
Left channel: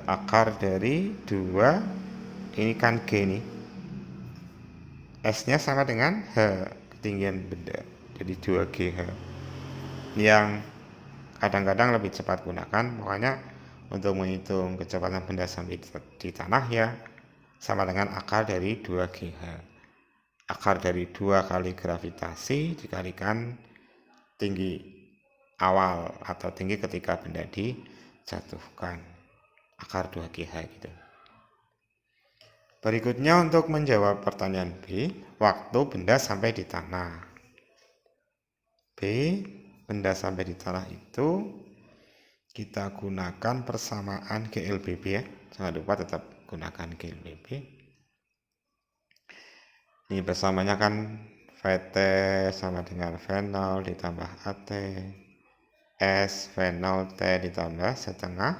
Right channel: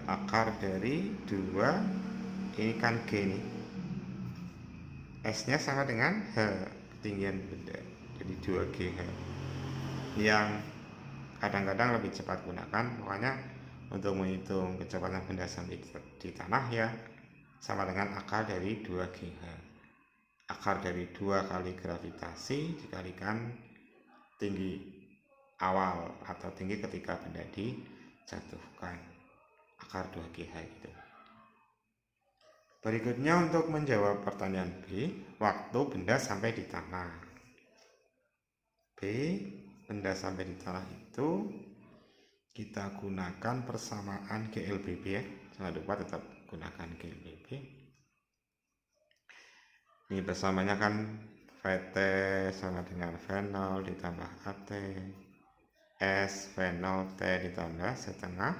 akar dari 2 ini kan G nih, S nya sama dengan H, ketinggian benda, jadi 2GH, yang kadang-kadang lebih cepat gunakan. Makanya untuk menghitung kecepatan benda sampai di tanah ya sama dengan akar dari 2GH, akar dari 2 kali gravitasi dikalikan tinggi awal atau tinggi ketika benda dijatuhkan, akar 2GH gitu. Berikutnya untuk menjawab pertanyaan B, waktu benda sampai di tanah. B, benda sampai di tanah itu kita gunakan persamaan GLBB ya. Jangan lupa tetap gunakan GLBB. Ini persamanya kan VT sama dengan V0 ditambah AT, S V0 T ditambah setengah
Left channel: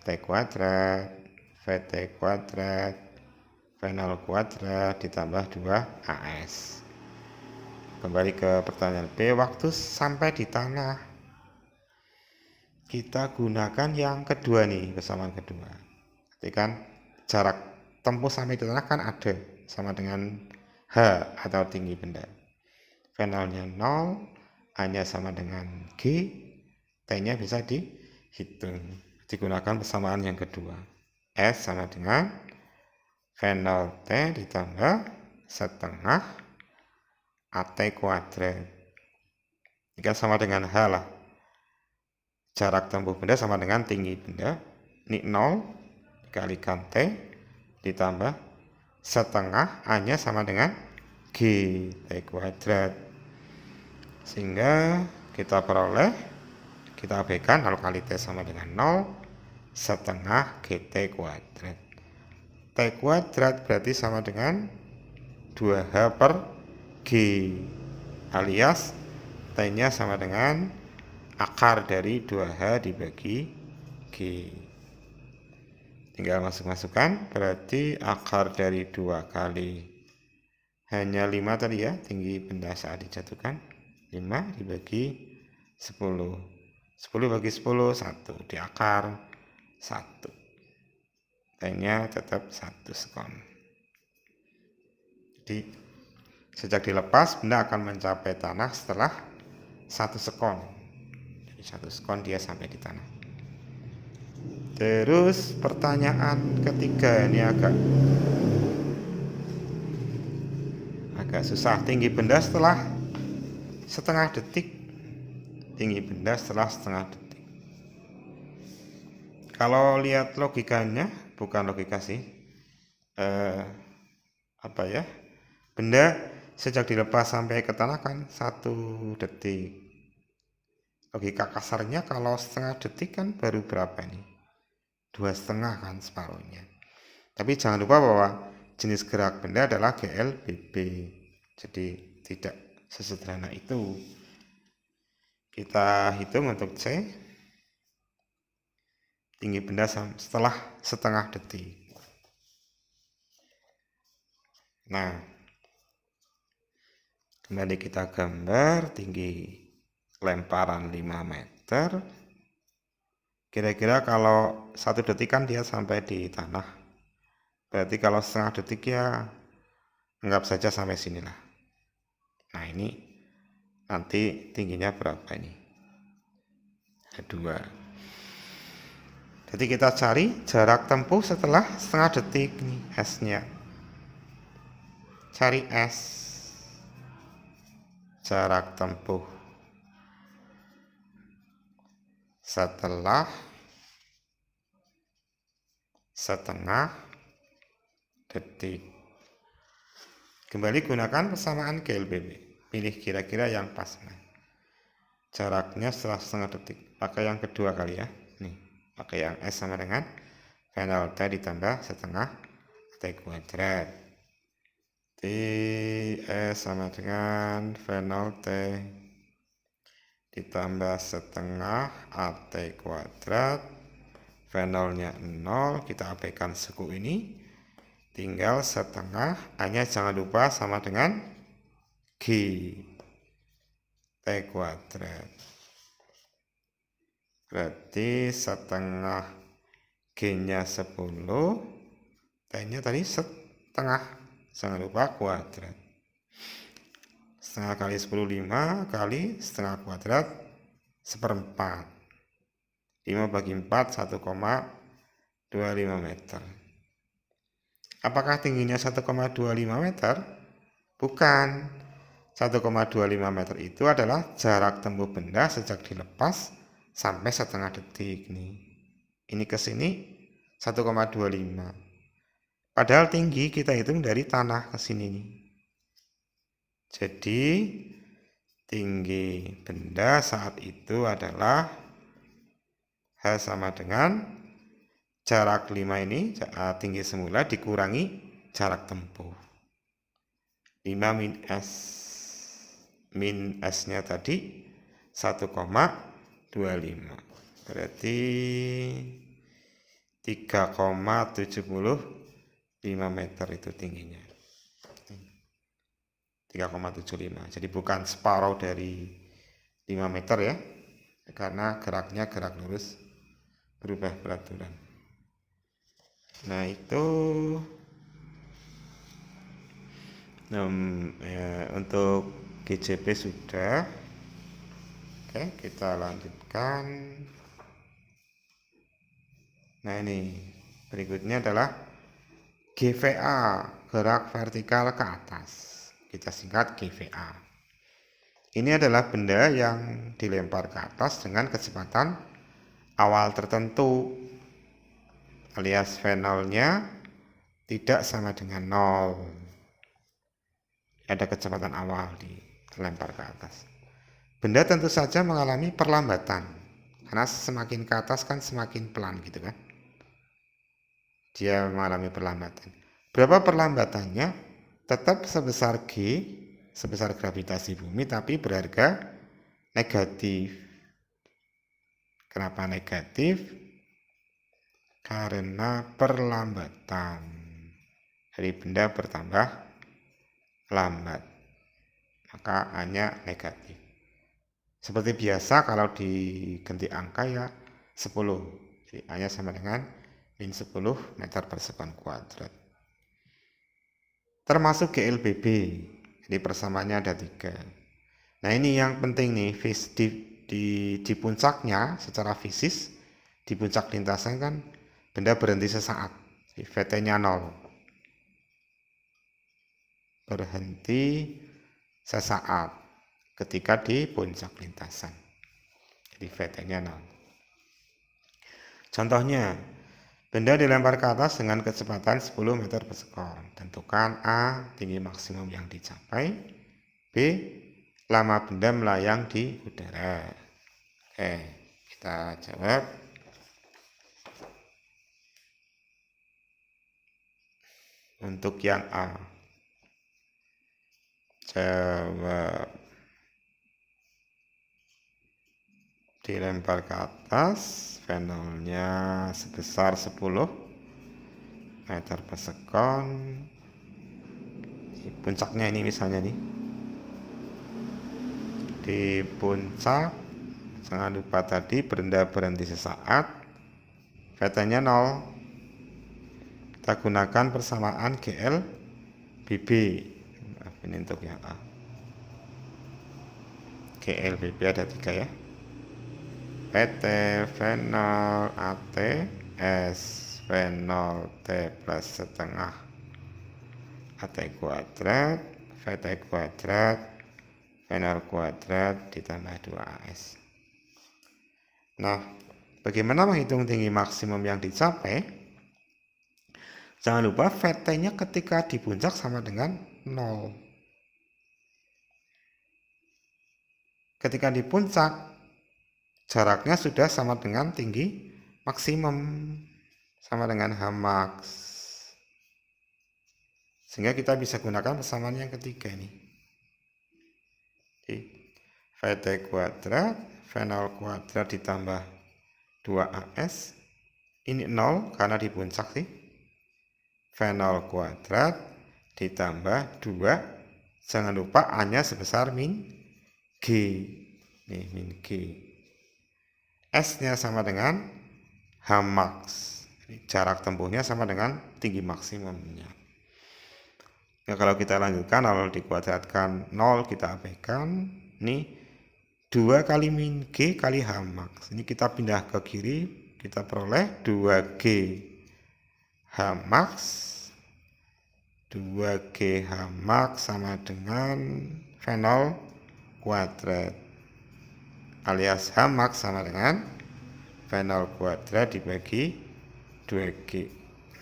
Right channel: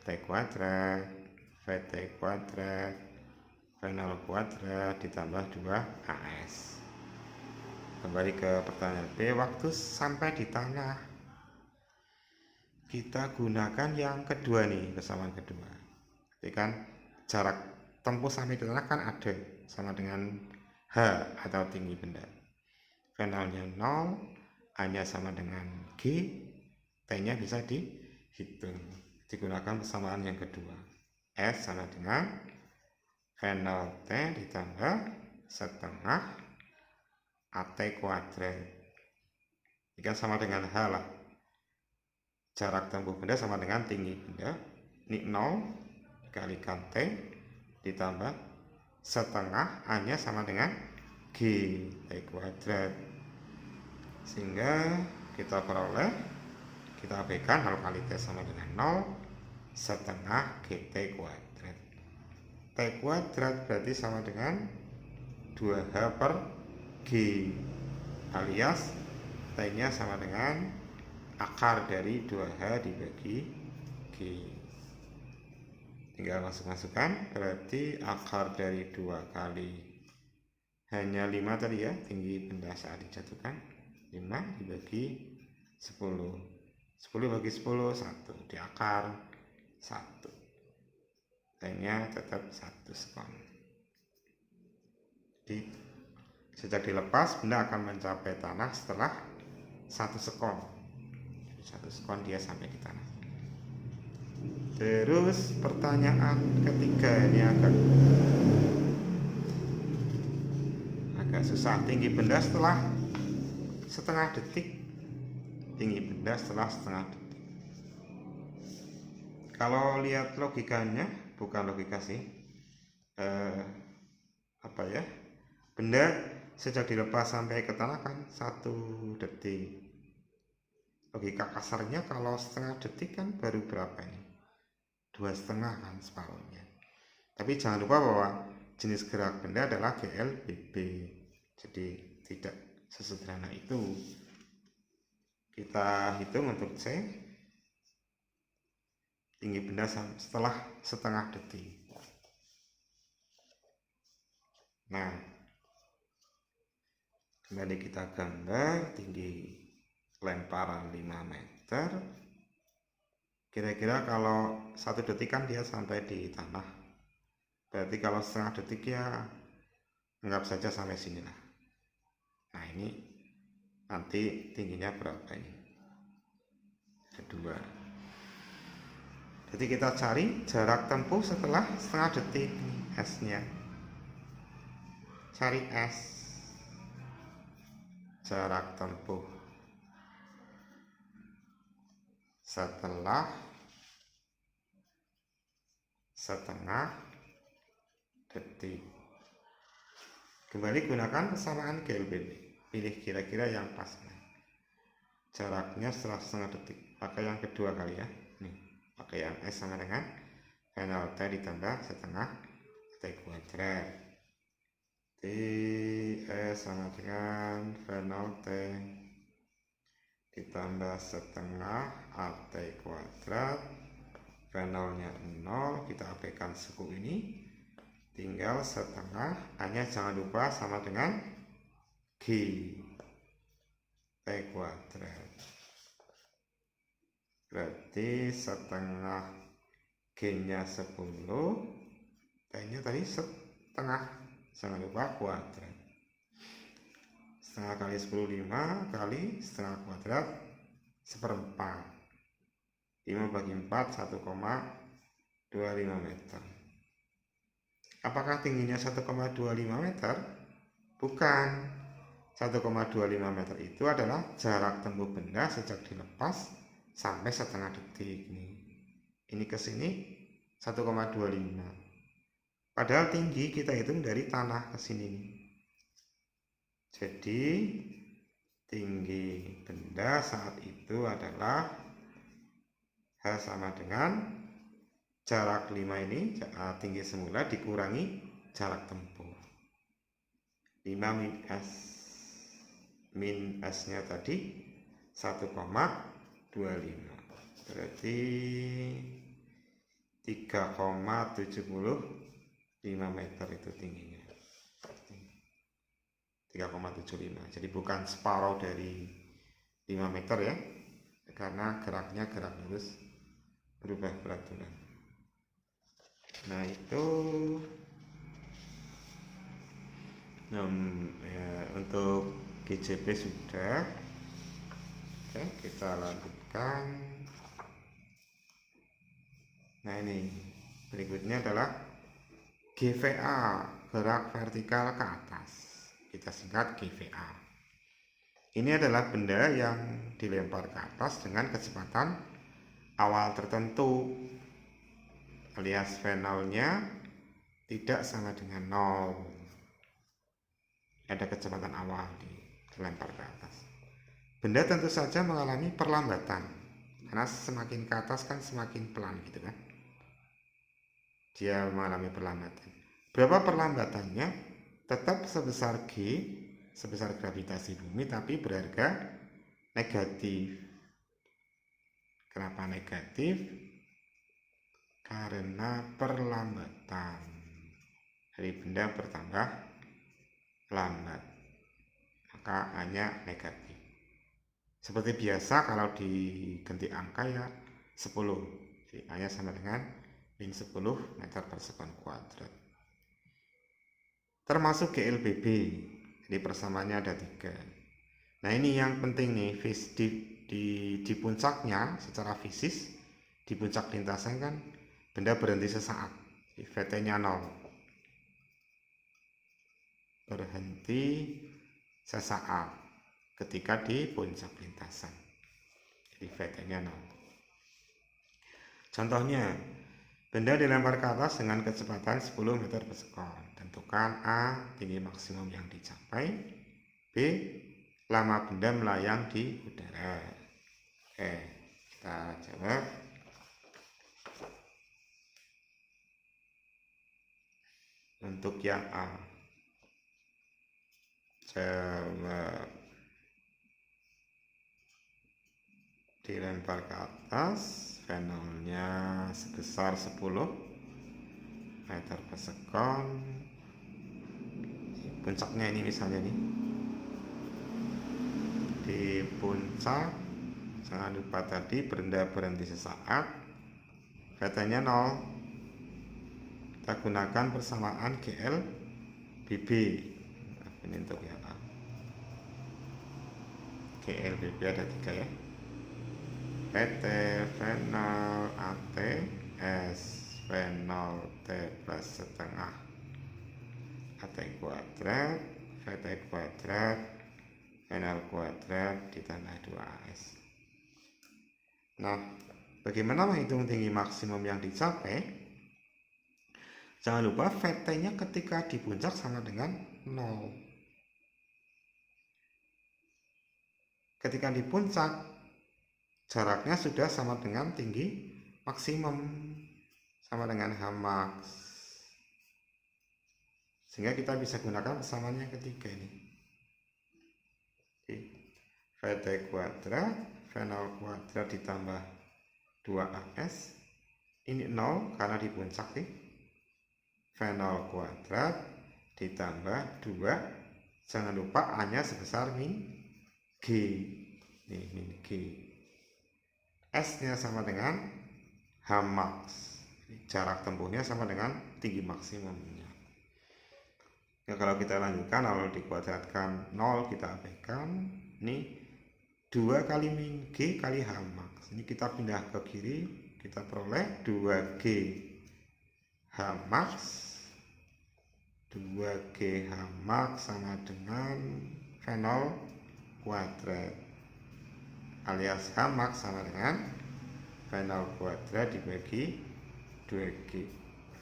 AT kuadrat, VT kuadrat, V0 kuadrat ditambah 2 AS. Kembali ke pertanyaan B, waktu sampai di tanah. Kita gunakan yang kedua nih, persamaan kedua. Jadi kan jarak tempuh sampai di tanah kan ada, sama dengan H atau tinggi benda. V0-nya 0, A-nya sama dengan G, T-nya bisa dihitung. Digunakan persamaan yang kedua. S sama dengan V0T ditambah setengah AT kuadrat. Ini kan sama dengan H lah. Jarak tempuh benda sama dengan tinggi benda. Ini 0 dikalikan T ditambah setengah, A-nya sama dengan G, T kuadrat. Sehingga kita peroleh, kita abaikan 0 kali T sama dengan 0, setengah GT kuadrat. T kuadrat berarti sama dengan 2H per G, alias T-nya sama dengan akar dari 2H dibagi G. Tinggal masuk-masukkan, berarti akar dari 2 kali hanya 5 tadi ya, tinggi benda saat dijatuhkan, 5 dibagi 10, 10 bagi 10, 1, di akar 1, T-nya tetap 1 sekon. Jadi sejak dilepas benda akan mencapai tanah setelah 1 sekon. Jadi 1 sekon dia sampai di tanah. Terus pertanyaan ketiga ini agak susah. Tinggi benda setelah setengah detik. Tinggi benda setelah setengah detik. Kalau lihat logikanya, bukan logika sih, benda sejak dilepas sampai ke tanah kan 1 detik. Logika kasarnya kalau setengah detik kan baru berapa ini? 2,5 kan separuhnya. Tapi jangan lupa bahwa jenis gerak benda adalah GLBB. Jadi tidak sesederhana itu. Kita hitung untuk C. Tinggi benda setelah setengah detik. Nah, kembali kita gambar tinggi lemparan 5 meter. Kira-kira kalau 1 detik kan dia sampai di tanah. Berarti kalau setengah detik ya anggap saja sampai sinilah. Nah, ini nanti tingginya berapa ini? 2. Jadi kita cari jarak tempuh setelah setengah detik nih, S-nya. Cari S. Jarak tempuh setelah setengah detik. Kembali gunakan persamaan GLBB. Pilih kira-kira yang pas. Jaraknya setelah setengah detik. Pakai yang kedua kali ya. Nih, pakai yang S sama dengan final T ditambah setengah T kuadrat. T S sama dengan final T ditambah setengah AT kuadrat. Finalnya 0. Kita abaikan suku ini. Tinggal setengah. Hanya jangan lupa sama dengan G T kuadrat. Berarti setengah G-nya 10, T-nya tadi setengah, jangan lupa kuadrat. Setengah kali 10, 5 kali setengah kuadrat, 1/4. 5 bagi 4, 1,25 meter. Apakah tingginya 1,25 meter? Bukan. 1,25 meter itu adalah jarak tempuh benda sejak dilepas sampai setengah detik nih. Ini ke sini 1,25. Padahal tinggi kita hitung dari tanah ke sini nih. Jadi tinggi benda saat itu adalah H sama dengan jarak 5 ini, tinggi semula dikurangi jarak tempuh. 5 min S. Min S-nya tadi 1,25. Berarti 3,75 meter itu tingginya. 3,75. Jadi bukan separuh dari 5 meter ya. Karena geraknya gerak lurus berubah peraturan. Nah, itu untuk GCP sudah. Oke, kita lanjutkan. Nah, ini berikutnya adalah GVA, gerak vertikal ke atas. Kita singkat GVA. Ini adalah benda yang dilempar ke atas dengan kecepatan awal tertentu, alias V0-nya tidak sama dengan 0. Ada kecepatan awal dilempar ke atas. Benda tentu saja mengalami perlambatan, karena semakin ke atas kan semakin pelan gitu kan. Dia mengalami perlambatan. Berapa perlambatannya? Tetap sebesar G, sebesar gravitasi bumi, tapi berharga negatif. Kenapa negatif? Karena perlambatan. Jadi benda bertambah lambat, maka hanya negatif. Seperti biasa kalau diganti angka ya 10. Jadi hanya sama dengan min 10 meter per sekon kuadrat. Termasuk GLBB. Jadi persamaannya ada 3. Nah, ini yang penting nih, di puncaknya secara fisis, di puncak lintasan kan benda berhenti sesaat. VT-nya 0. Berhenti sesaat ketika di puncak lintasan. Jadi VT-nya 0. Contohnya, benda dilempar ke atas dengan kecepatan 10 meter per sekon. Tentukan A, tinggi maksimum yang dicapai. B, lama benda melayang di udara. Oke, kita jawab. Untuk yang A, jawab. Dilempar ke atas, fenolnya sebesar 10 meter per sekon. Puncaknya ini misalnya nih, di puncak jangan lupa tadi berhenti sesaat, VT-nya 0. Kita gunakan persamaan GL BB. Ini untuk yang A. GL BB ada 3 ya. PT V0 AT S V0 T plus setengah AT kuadrat VT kuadrat V0 kuadrat ditambah 2AS. Nah, bagaimana menghitung tinggi maksimum yang dicapai? Jangan lupa VT-nya ketika di puncak sama dengan 0. Ketika di puncak, jaraknya sudah sama dengan tinggi maksimum, sama dengan Hmax. Sehingga kita bisa gunakan persamaan yang ketiga ini. Jadi, VT kuadrat, V0 kuadrat ditambah 2AS. Ini 0 karena di puncak sih. V0 kuadrat ditambah 2. Jangan lupa A-nya sebesar min G. Nih, min G. S-nya sama dengan Hmax. Jarak tempuhnya sama dengan tinggi maksimumnya. Nah, kalau kita lanjutkan, 0 dikuadratkan 0 kita abaikan. Ini 2 kali min G kali Hmax. Ini kita pindah ke kiri, kita peroleh 2G Hmax. 2G Hmax sama dengan V0 kuadrat, alias Hmax sama dengan V0 kuadrat dibagi 2G.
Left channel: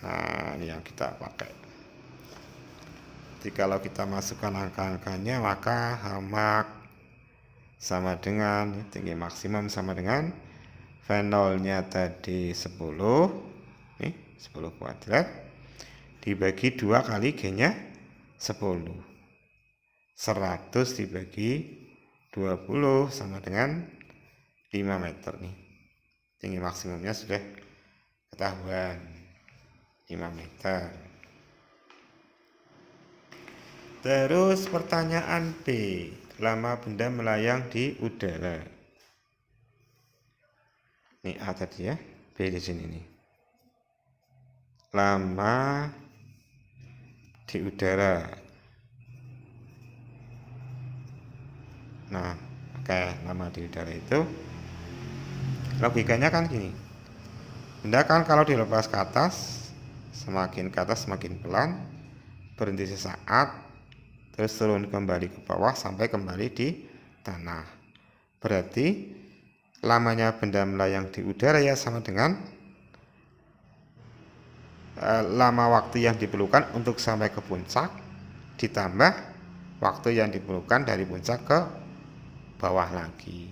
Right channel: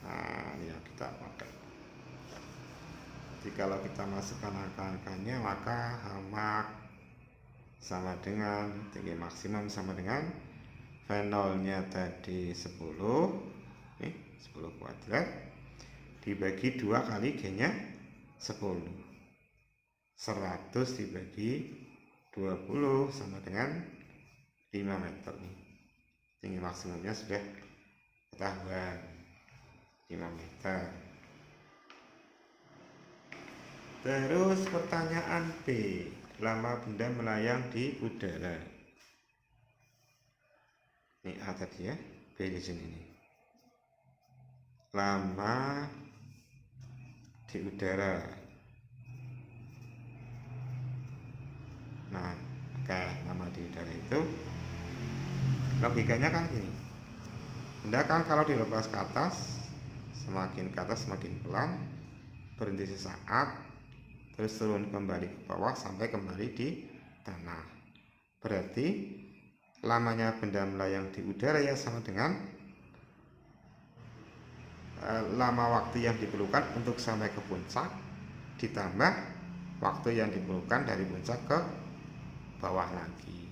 Nah, ini yang kita pakai. Jadi kalau kita masukkan angka-angkanya, maka Hmax sama dengan tinggi maksimum sama dengan V0-nya tadi 10, nih 10 kuadrat dibagi 2 kali G-nya 10. 100 dibagi 20 sama dengan 5 meter nih. Tinggi maksimumnya sudah ketahuan, 5 meter. Terus pertanyaan B, lama benda melayang di udara. Ini A tadi ya, B di sini nih. Lama di udara. Nah, lama di udara itu logikanya kan gini. Benda kan kalau dilepas ke atas, semakin ke atas semakin pelan, berhenti sesaat, terus turun kembali ke bawah sampai kembali di tanah. Berarti lamanya benda melayang di udara ya sama dengan lama waktu yang diperlukan untuk sampai ke puncak ditambah waktu yang diperlukan dari puncak ke bawah lagi.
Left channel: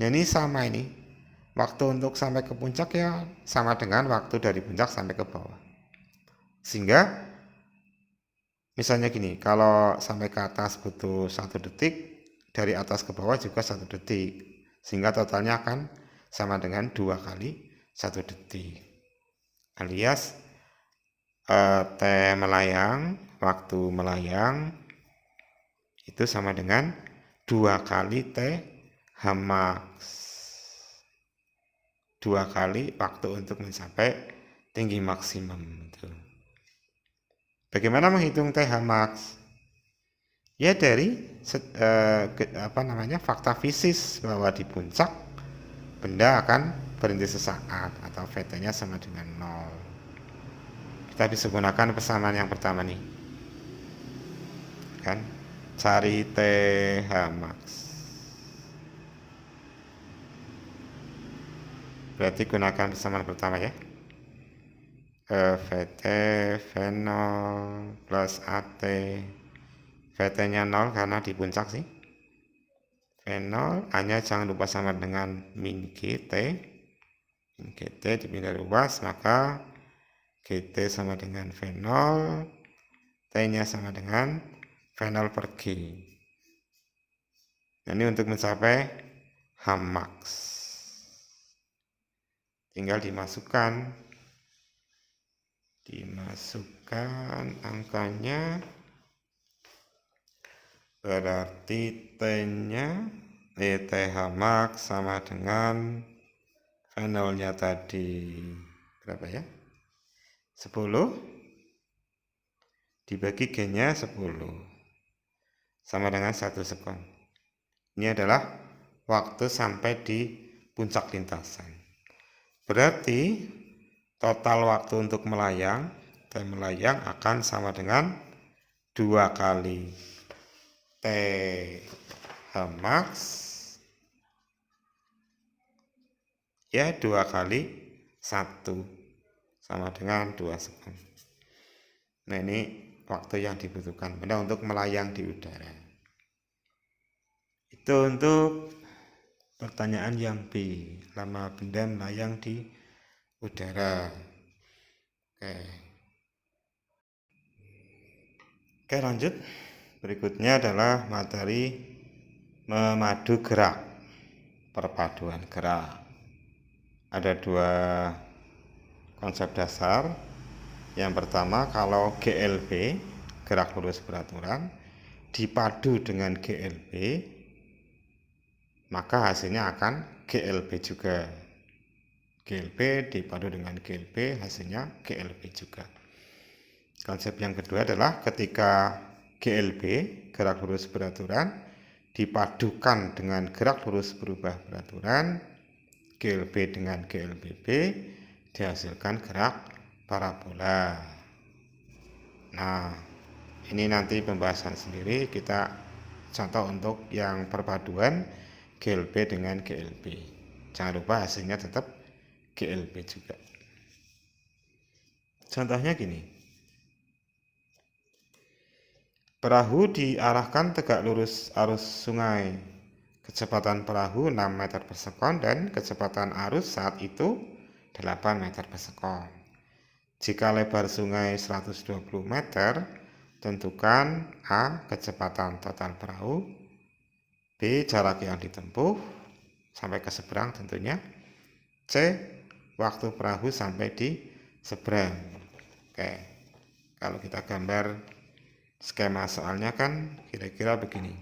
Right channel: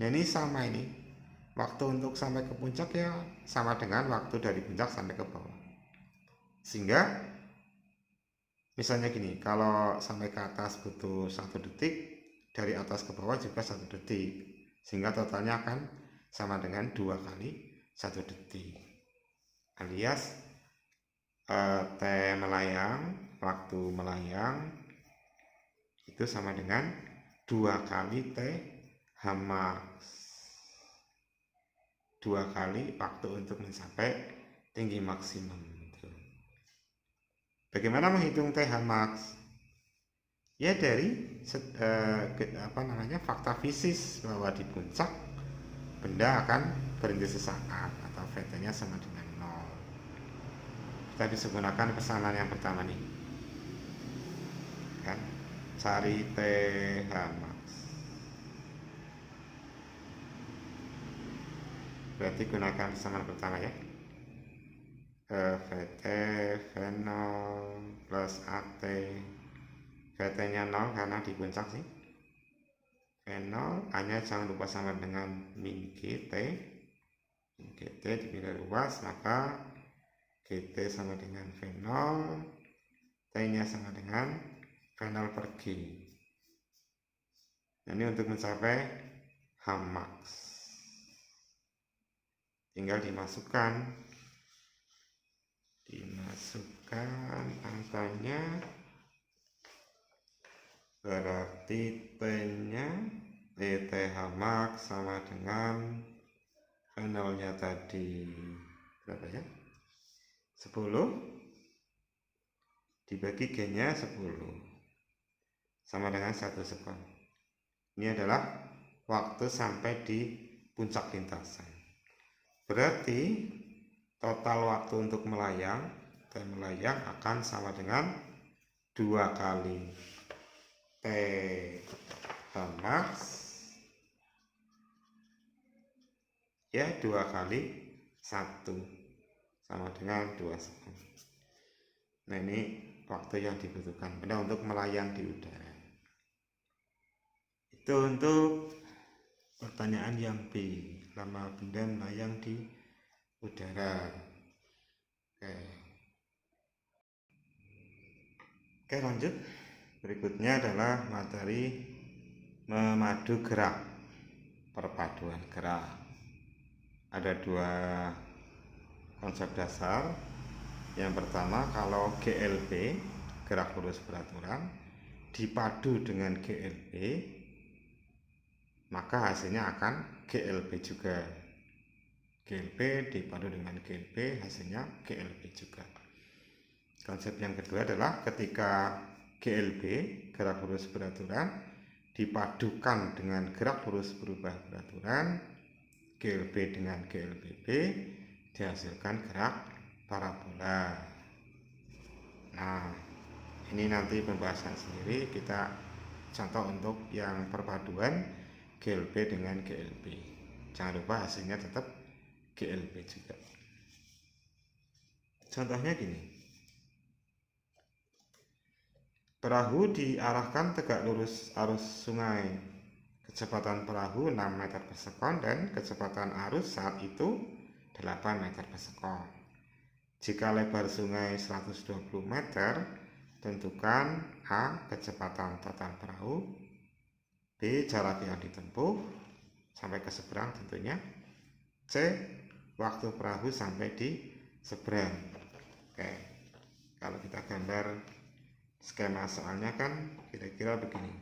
Nah, ini sama ini. Waktu untuk sampai ke puncak ya sama dengan waktu dari puncak sampai ke bawah. Sehingga misalnya gini, kalau sampai ke atas butuh 1 detik, dari atas ke bawah juga 1 detik. Sehingga totalnya akan sama dengan 2 kali 1 detik. Alias T melayang, waktu melayang itu sama dengan 2 kali T Hmax. 2 kali waktu untuk mencapai tinggi maksimum. Bagaimana menghitung T Hmax? Ya dari fakta fisis bahwa di puncak benda akan berhenti sesaat atau VT-nya sama dengan 0. Kita bisa gunakan persamaan yang pertama nih, kan, cari T Hmax. Berarti gunakan persamaan pertama ya, VT V0 plus AT. VT-nya 0 karena di puncak sih. V0 hanya jangan lupa sama dengan min GT. Min GT dipindah luas, maka GT sama dengan V0, T-nya sama dengan V0 per G. Nah, ini untuk mencapai Hmax. Tinggal dimasukkan angkanya, berarti T-nya TH max sama dengan V0-nya tadi berapa ya? 10 dibagi G-nya 10 sama dengan 1 sekon. Ini adalah waktu sampai di puncak lintasan. Berarti total waktu untuk melayang dan melayang akan sama dengan 2 kali TH max ya 2 kali 1 sama dengan 2 sekon. Nah, ini waktu yang dibutuhkan benda untuk melayang di udara. Itu untuk pertanyaan yang B, lama benda melayang di udara. Oke, lanjut. Berikutnya adalah materi memadu gerak, perpaduan gerak. Ada 2 konsep dasar. Yang pertama, kalau GLB, gerak lurus beraturan, dipadu dengan GLB, maka hasilnya akan GLB juga. GLB dipadu dengan GLB, hasilnya GLB juga. Konsep yang kedua adalah ketika GLB, gerak lurus beraturan, dipadukan dengan gerak lurus berubah beraturan, GLB dengan GLBB, dihasilkan gerak parabola. Nah, ini nanti pembahasan sendiri, kita contoh untuk yang perpaduan GLB dengan GLB. Jangan lupa hasilnya tetap GLB juga. Contohnya gini. Perahu diarahkan tegak lurus arus sungai. Kecepatan perahu 6 meter per sekon dan kecepatan arus saat itu 8 meter per sekon. Jika lebar sungai 120 meter, tentukan A. kecepatan total perahu, B. jarak yang ditempuh sampai ke seberang tentunya, C. waktu perahu sampai di seberang. Oke, kalau kita gambar skema soalnya kan kira-kira begini.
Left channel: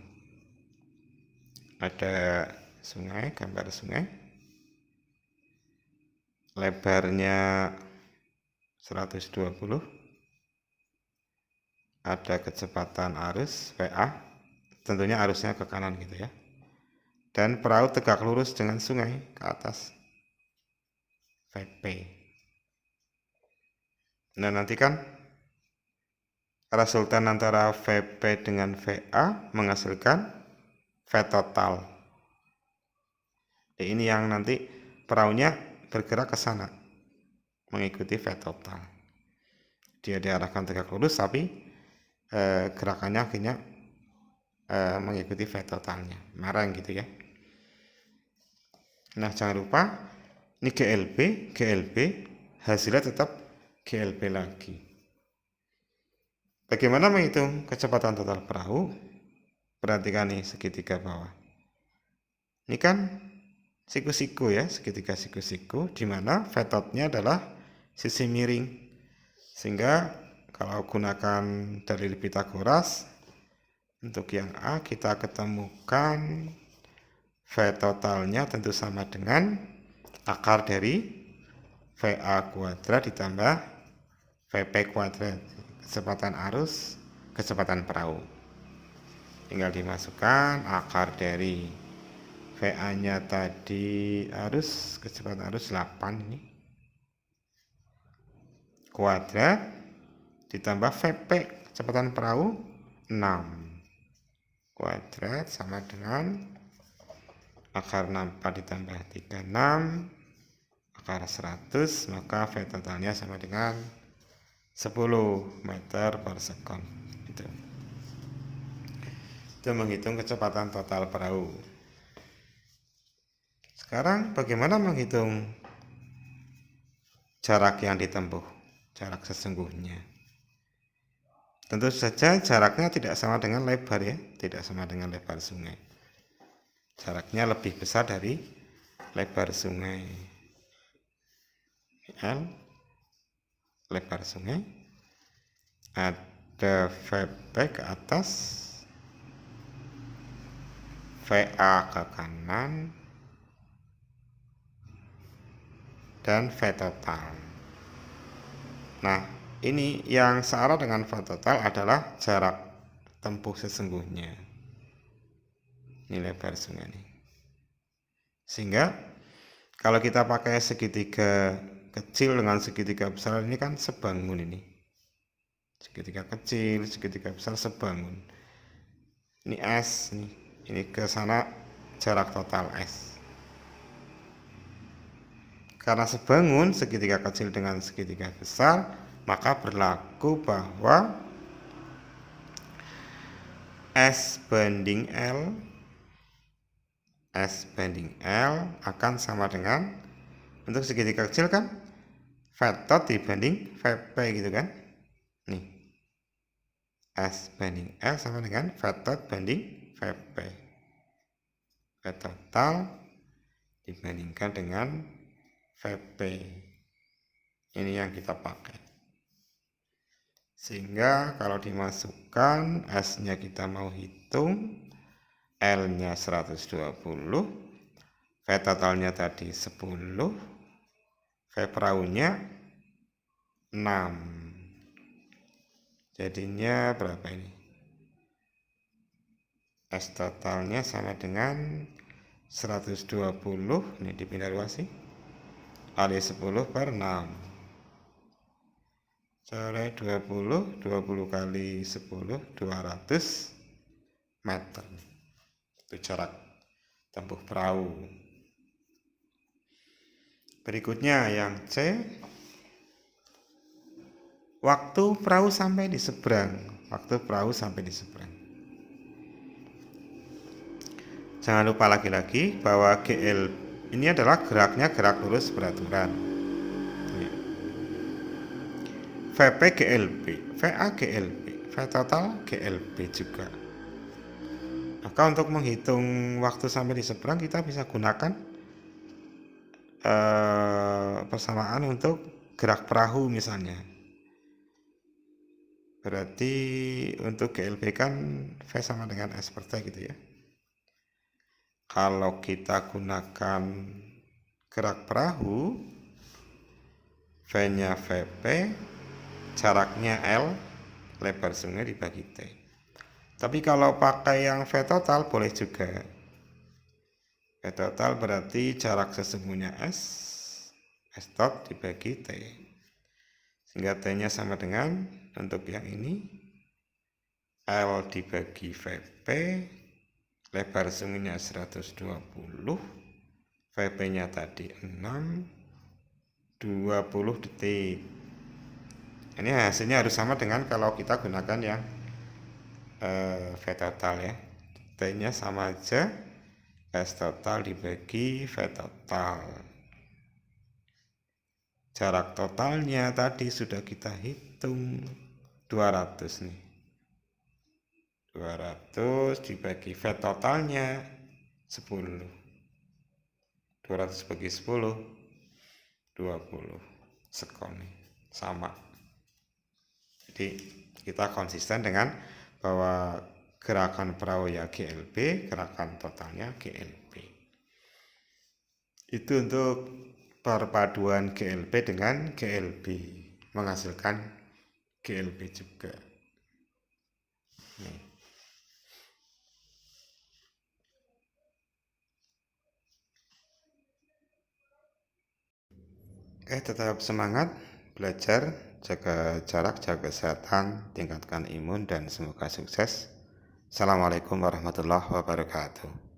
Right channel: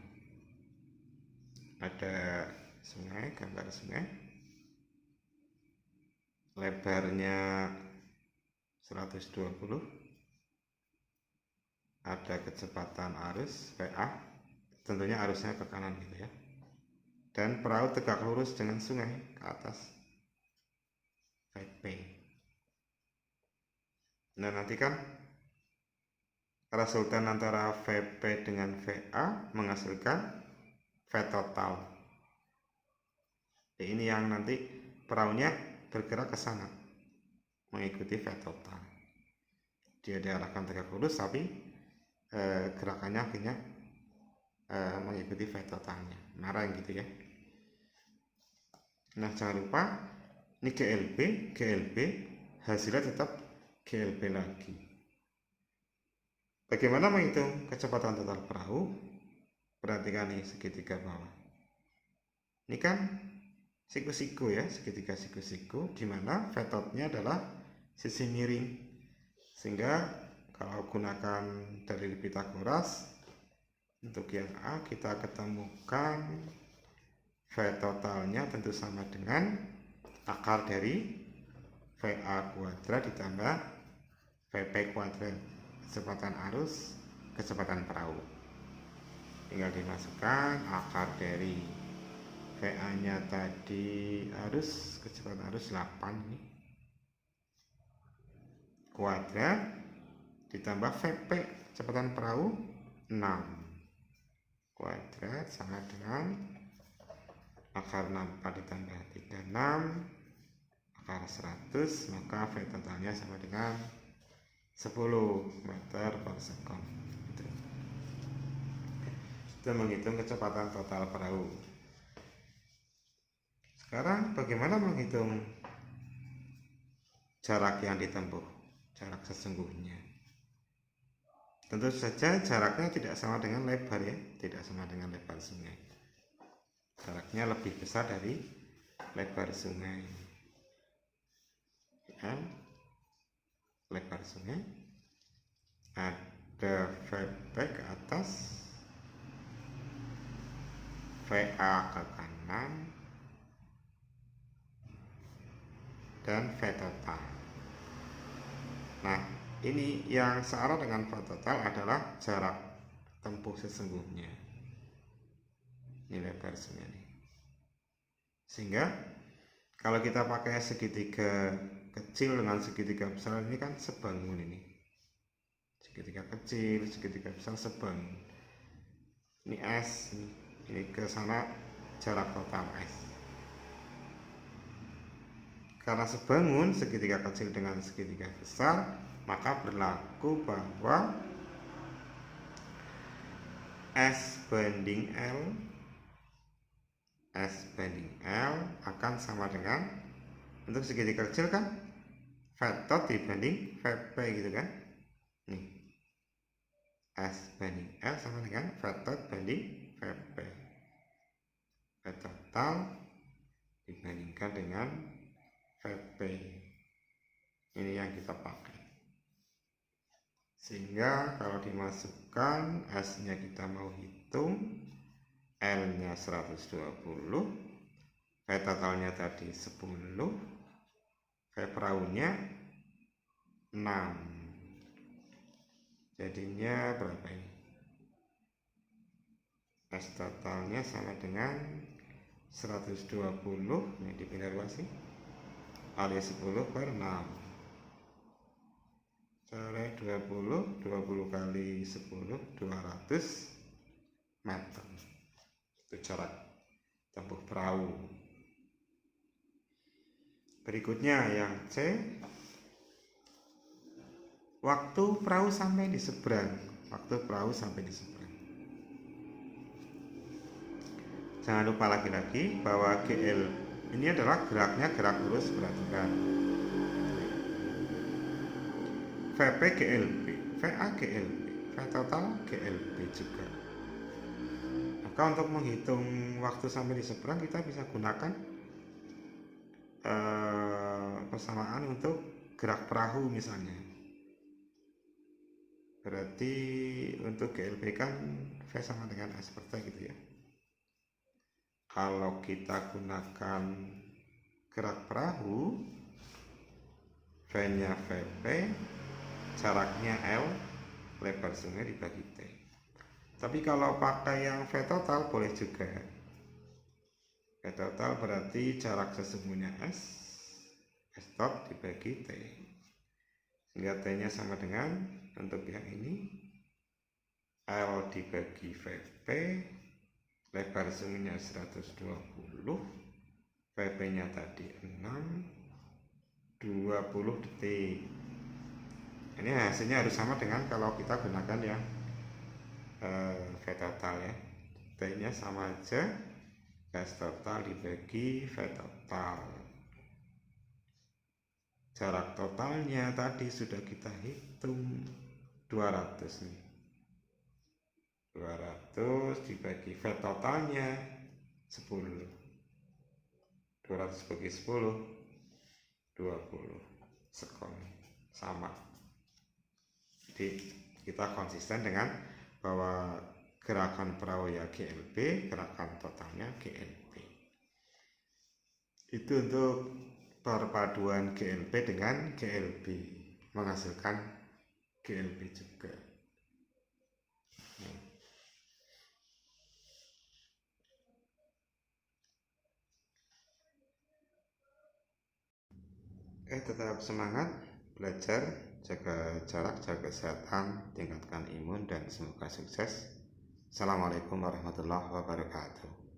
Ada sungai, gambar sungai, lebarnya 120, ada kecepatan arus VA, tentunya arusnya ke kanan gitu ya, dan perahu tegak lurus dengan sungai ke atas, VP. Nah, nanti kan resultan antara VP dengan VA menghasilkan V total. Ini yang nanti perahunya bergerak ke sana mengikuti V total. Dia diarahkan tegak lurus tapi gerakannya akhirnya mengikuti V totalnya, marang gitu ya. Nah, jangan lupa ini GLB hasilnya tetap GLB lagi. Bagaimana menghitung kecepatan total perahu? Perhatikan nih segitiga bawah. Ini kan siku-siku ya, segitiga siku-siku, di mana V-nya adalah sisi miring. Sehingga kalau gunakan dalil Pitagoras, untuk yang A kita ketemukan V totalnya tentu sama dengan akar dari VA kuadrat ditambah VP kuadrat, kecepatan arus, kecepatan perahu. Tinggal dimasukkan akar dari VA nya tadi arus, kecepatan arus 8 ini kuadrat ditambah VP kecepatan perahu 6 kuadrat sama dengan akar 64 ditambah 36 akar 100, maka V totalnya sama dengan 10 meter per sekon. Itu menghitung kecepatan total perahu. Sekarang bagaimana menghitung jarak yang ditempuh? jarak sesungguhnya. Tentu saja jaraknya tidak sama dengan lebar ya, tidak sama dengan lebar sungai. Jaraknya lebih besar dari lebar sungai. L lebar sungai, ada VP ke atas, VA ke kanan, dan V total. Nah, ini yang searah dengan V total adalah jarak tempuh sesungguhnya. Ini lebar sungai ini. Sehingga kalau kita pakai segitiga kecil dengan segitiga besar ini kan sebangun ini. Segitiga kecil, segitiga besar sebangun. Ini S, ini ke sana jarak total S. Karena sebangun segitiga kecil dengan segitiga besar, maka berlaku bahwa S banding L akan sama dengan, untuk segitiga kecil kan V tot dibanding VP gitu kan. Nih, S banding L sama dengan V tot banding VP. V total dibandingkan dengan VP. Ini yang kita pakai. Sehingga kalau dimasukkan, S-nya kita mau hitung, L-nya 120, V totalnya tadi 10, V perahunya 6. Jadinya berapa ini? S totalnya sama dengan 120, ini dipindah luasi, kali 10 per 6. Sore 20 kali 10, 200 meter. Itu jarak tempuh perahu. Berikutnya yang C, waktu perahu sampai di seberang. Waktu perahu sampai di seberang. Jangan lupa lagi-lagi bahwa GL ini adalah geraknya gerak lurus beraturan. VP GLB, VA GLB, V total GLB juga. Maka untuk menghitung waktu sampai di seberang kita bisa gunakan persamaan untuk gerak perahu misalnya. Berarti untuk GLB kan V sama dengan S per T gitu ya. Kalau kita gunakan gerak perahu, V-nya VP, jaraknya L, lebar sungai dibagi T. Tapi kalau pakai yang V total boleh juga. V total berarti jarak sesungguhnya S tot dibagi T. Sehingga T-nya sama dengan, untuk yang ini, L dibagi VP, lebar sungainya 120, VP-nya tadi 6, 20 detik. Ini hasilnya harus sama dengan kalau kita gunakan yang V total ya. T-nya sama aja, S total dibagi V total. Jarak totalnya tadi sudah kita hitung 200 nih. 200 dibagi V totalnya 10. 200 bagi 10 20 sekon sama. Jadi kita konsisten dengan bahwa gerakan perahu ya GLB, gerakan totalnya GLB. Itu untuk perpaduan GLB dengan GLB, menghasilkan GLB juga. Nih. Tetap semangat belajar, jaga jarak, jaga kesehatan, tingkatkan imun, dan semoga sukses. Assalamualaikum warahmatullahi wabarakatuh.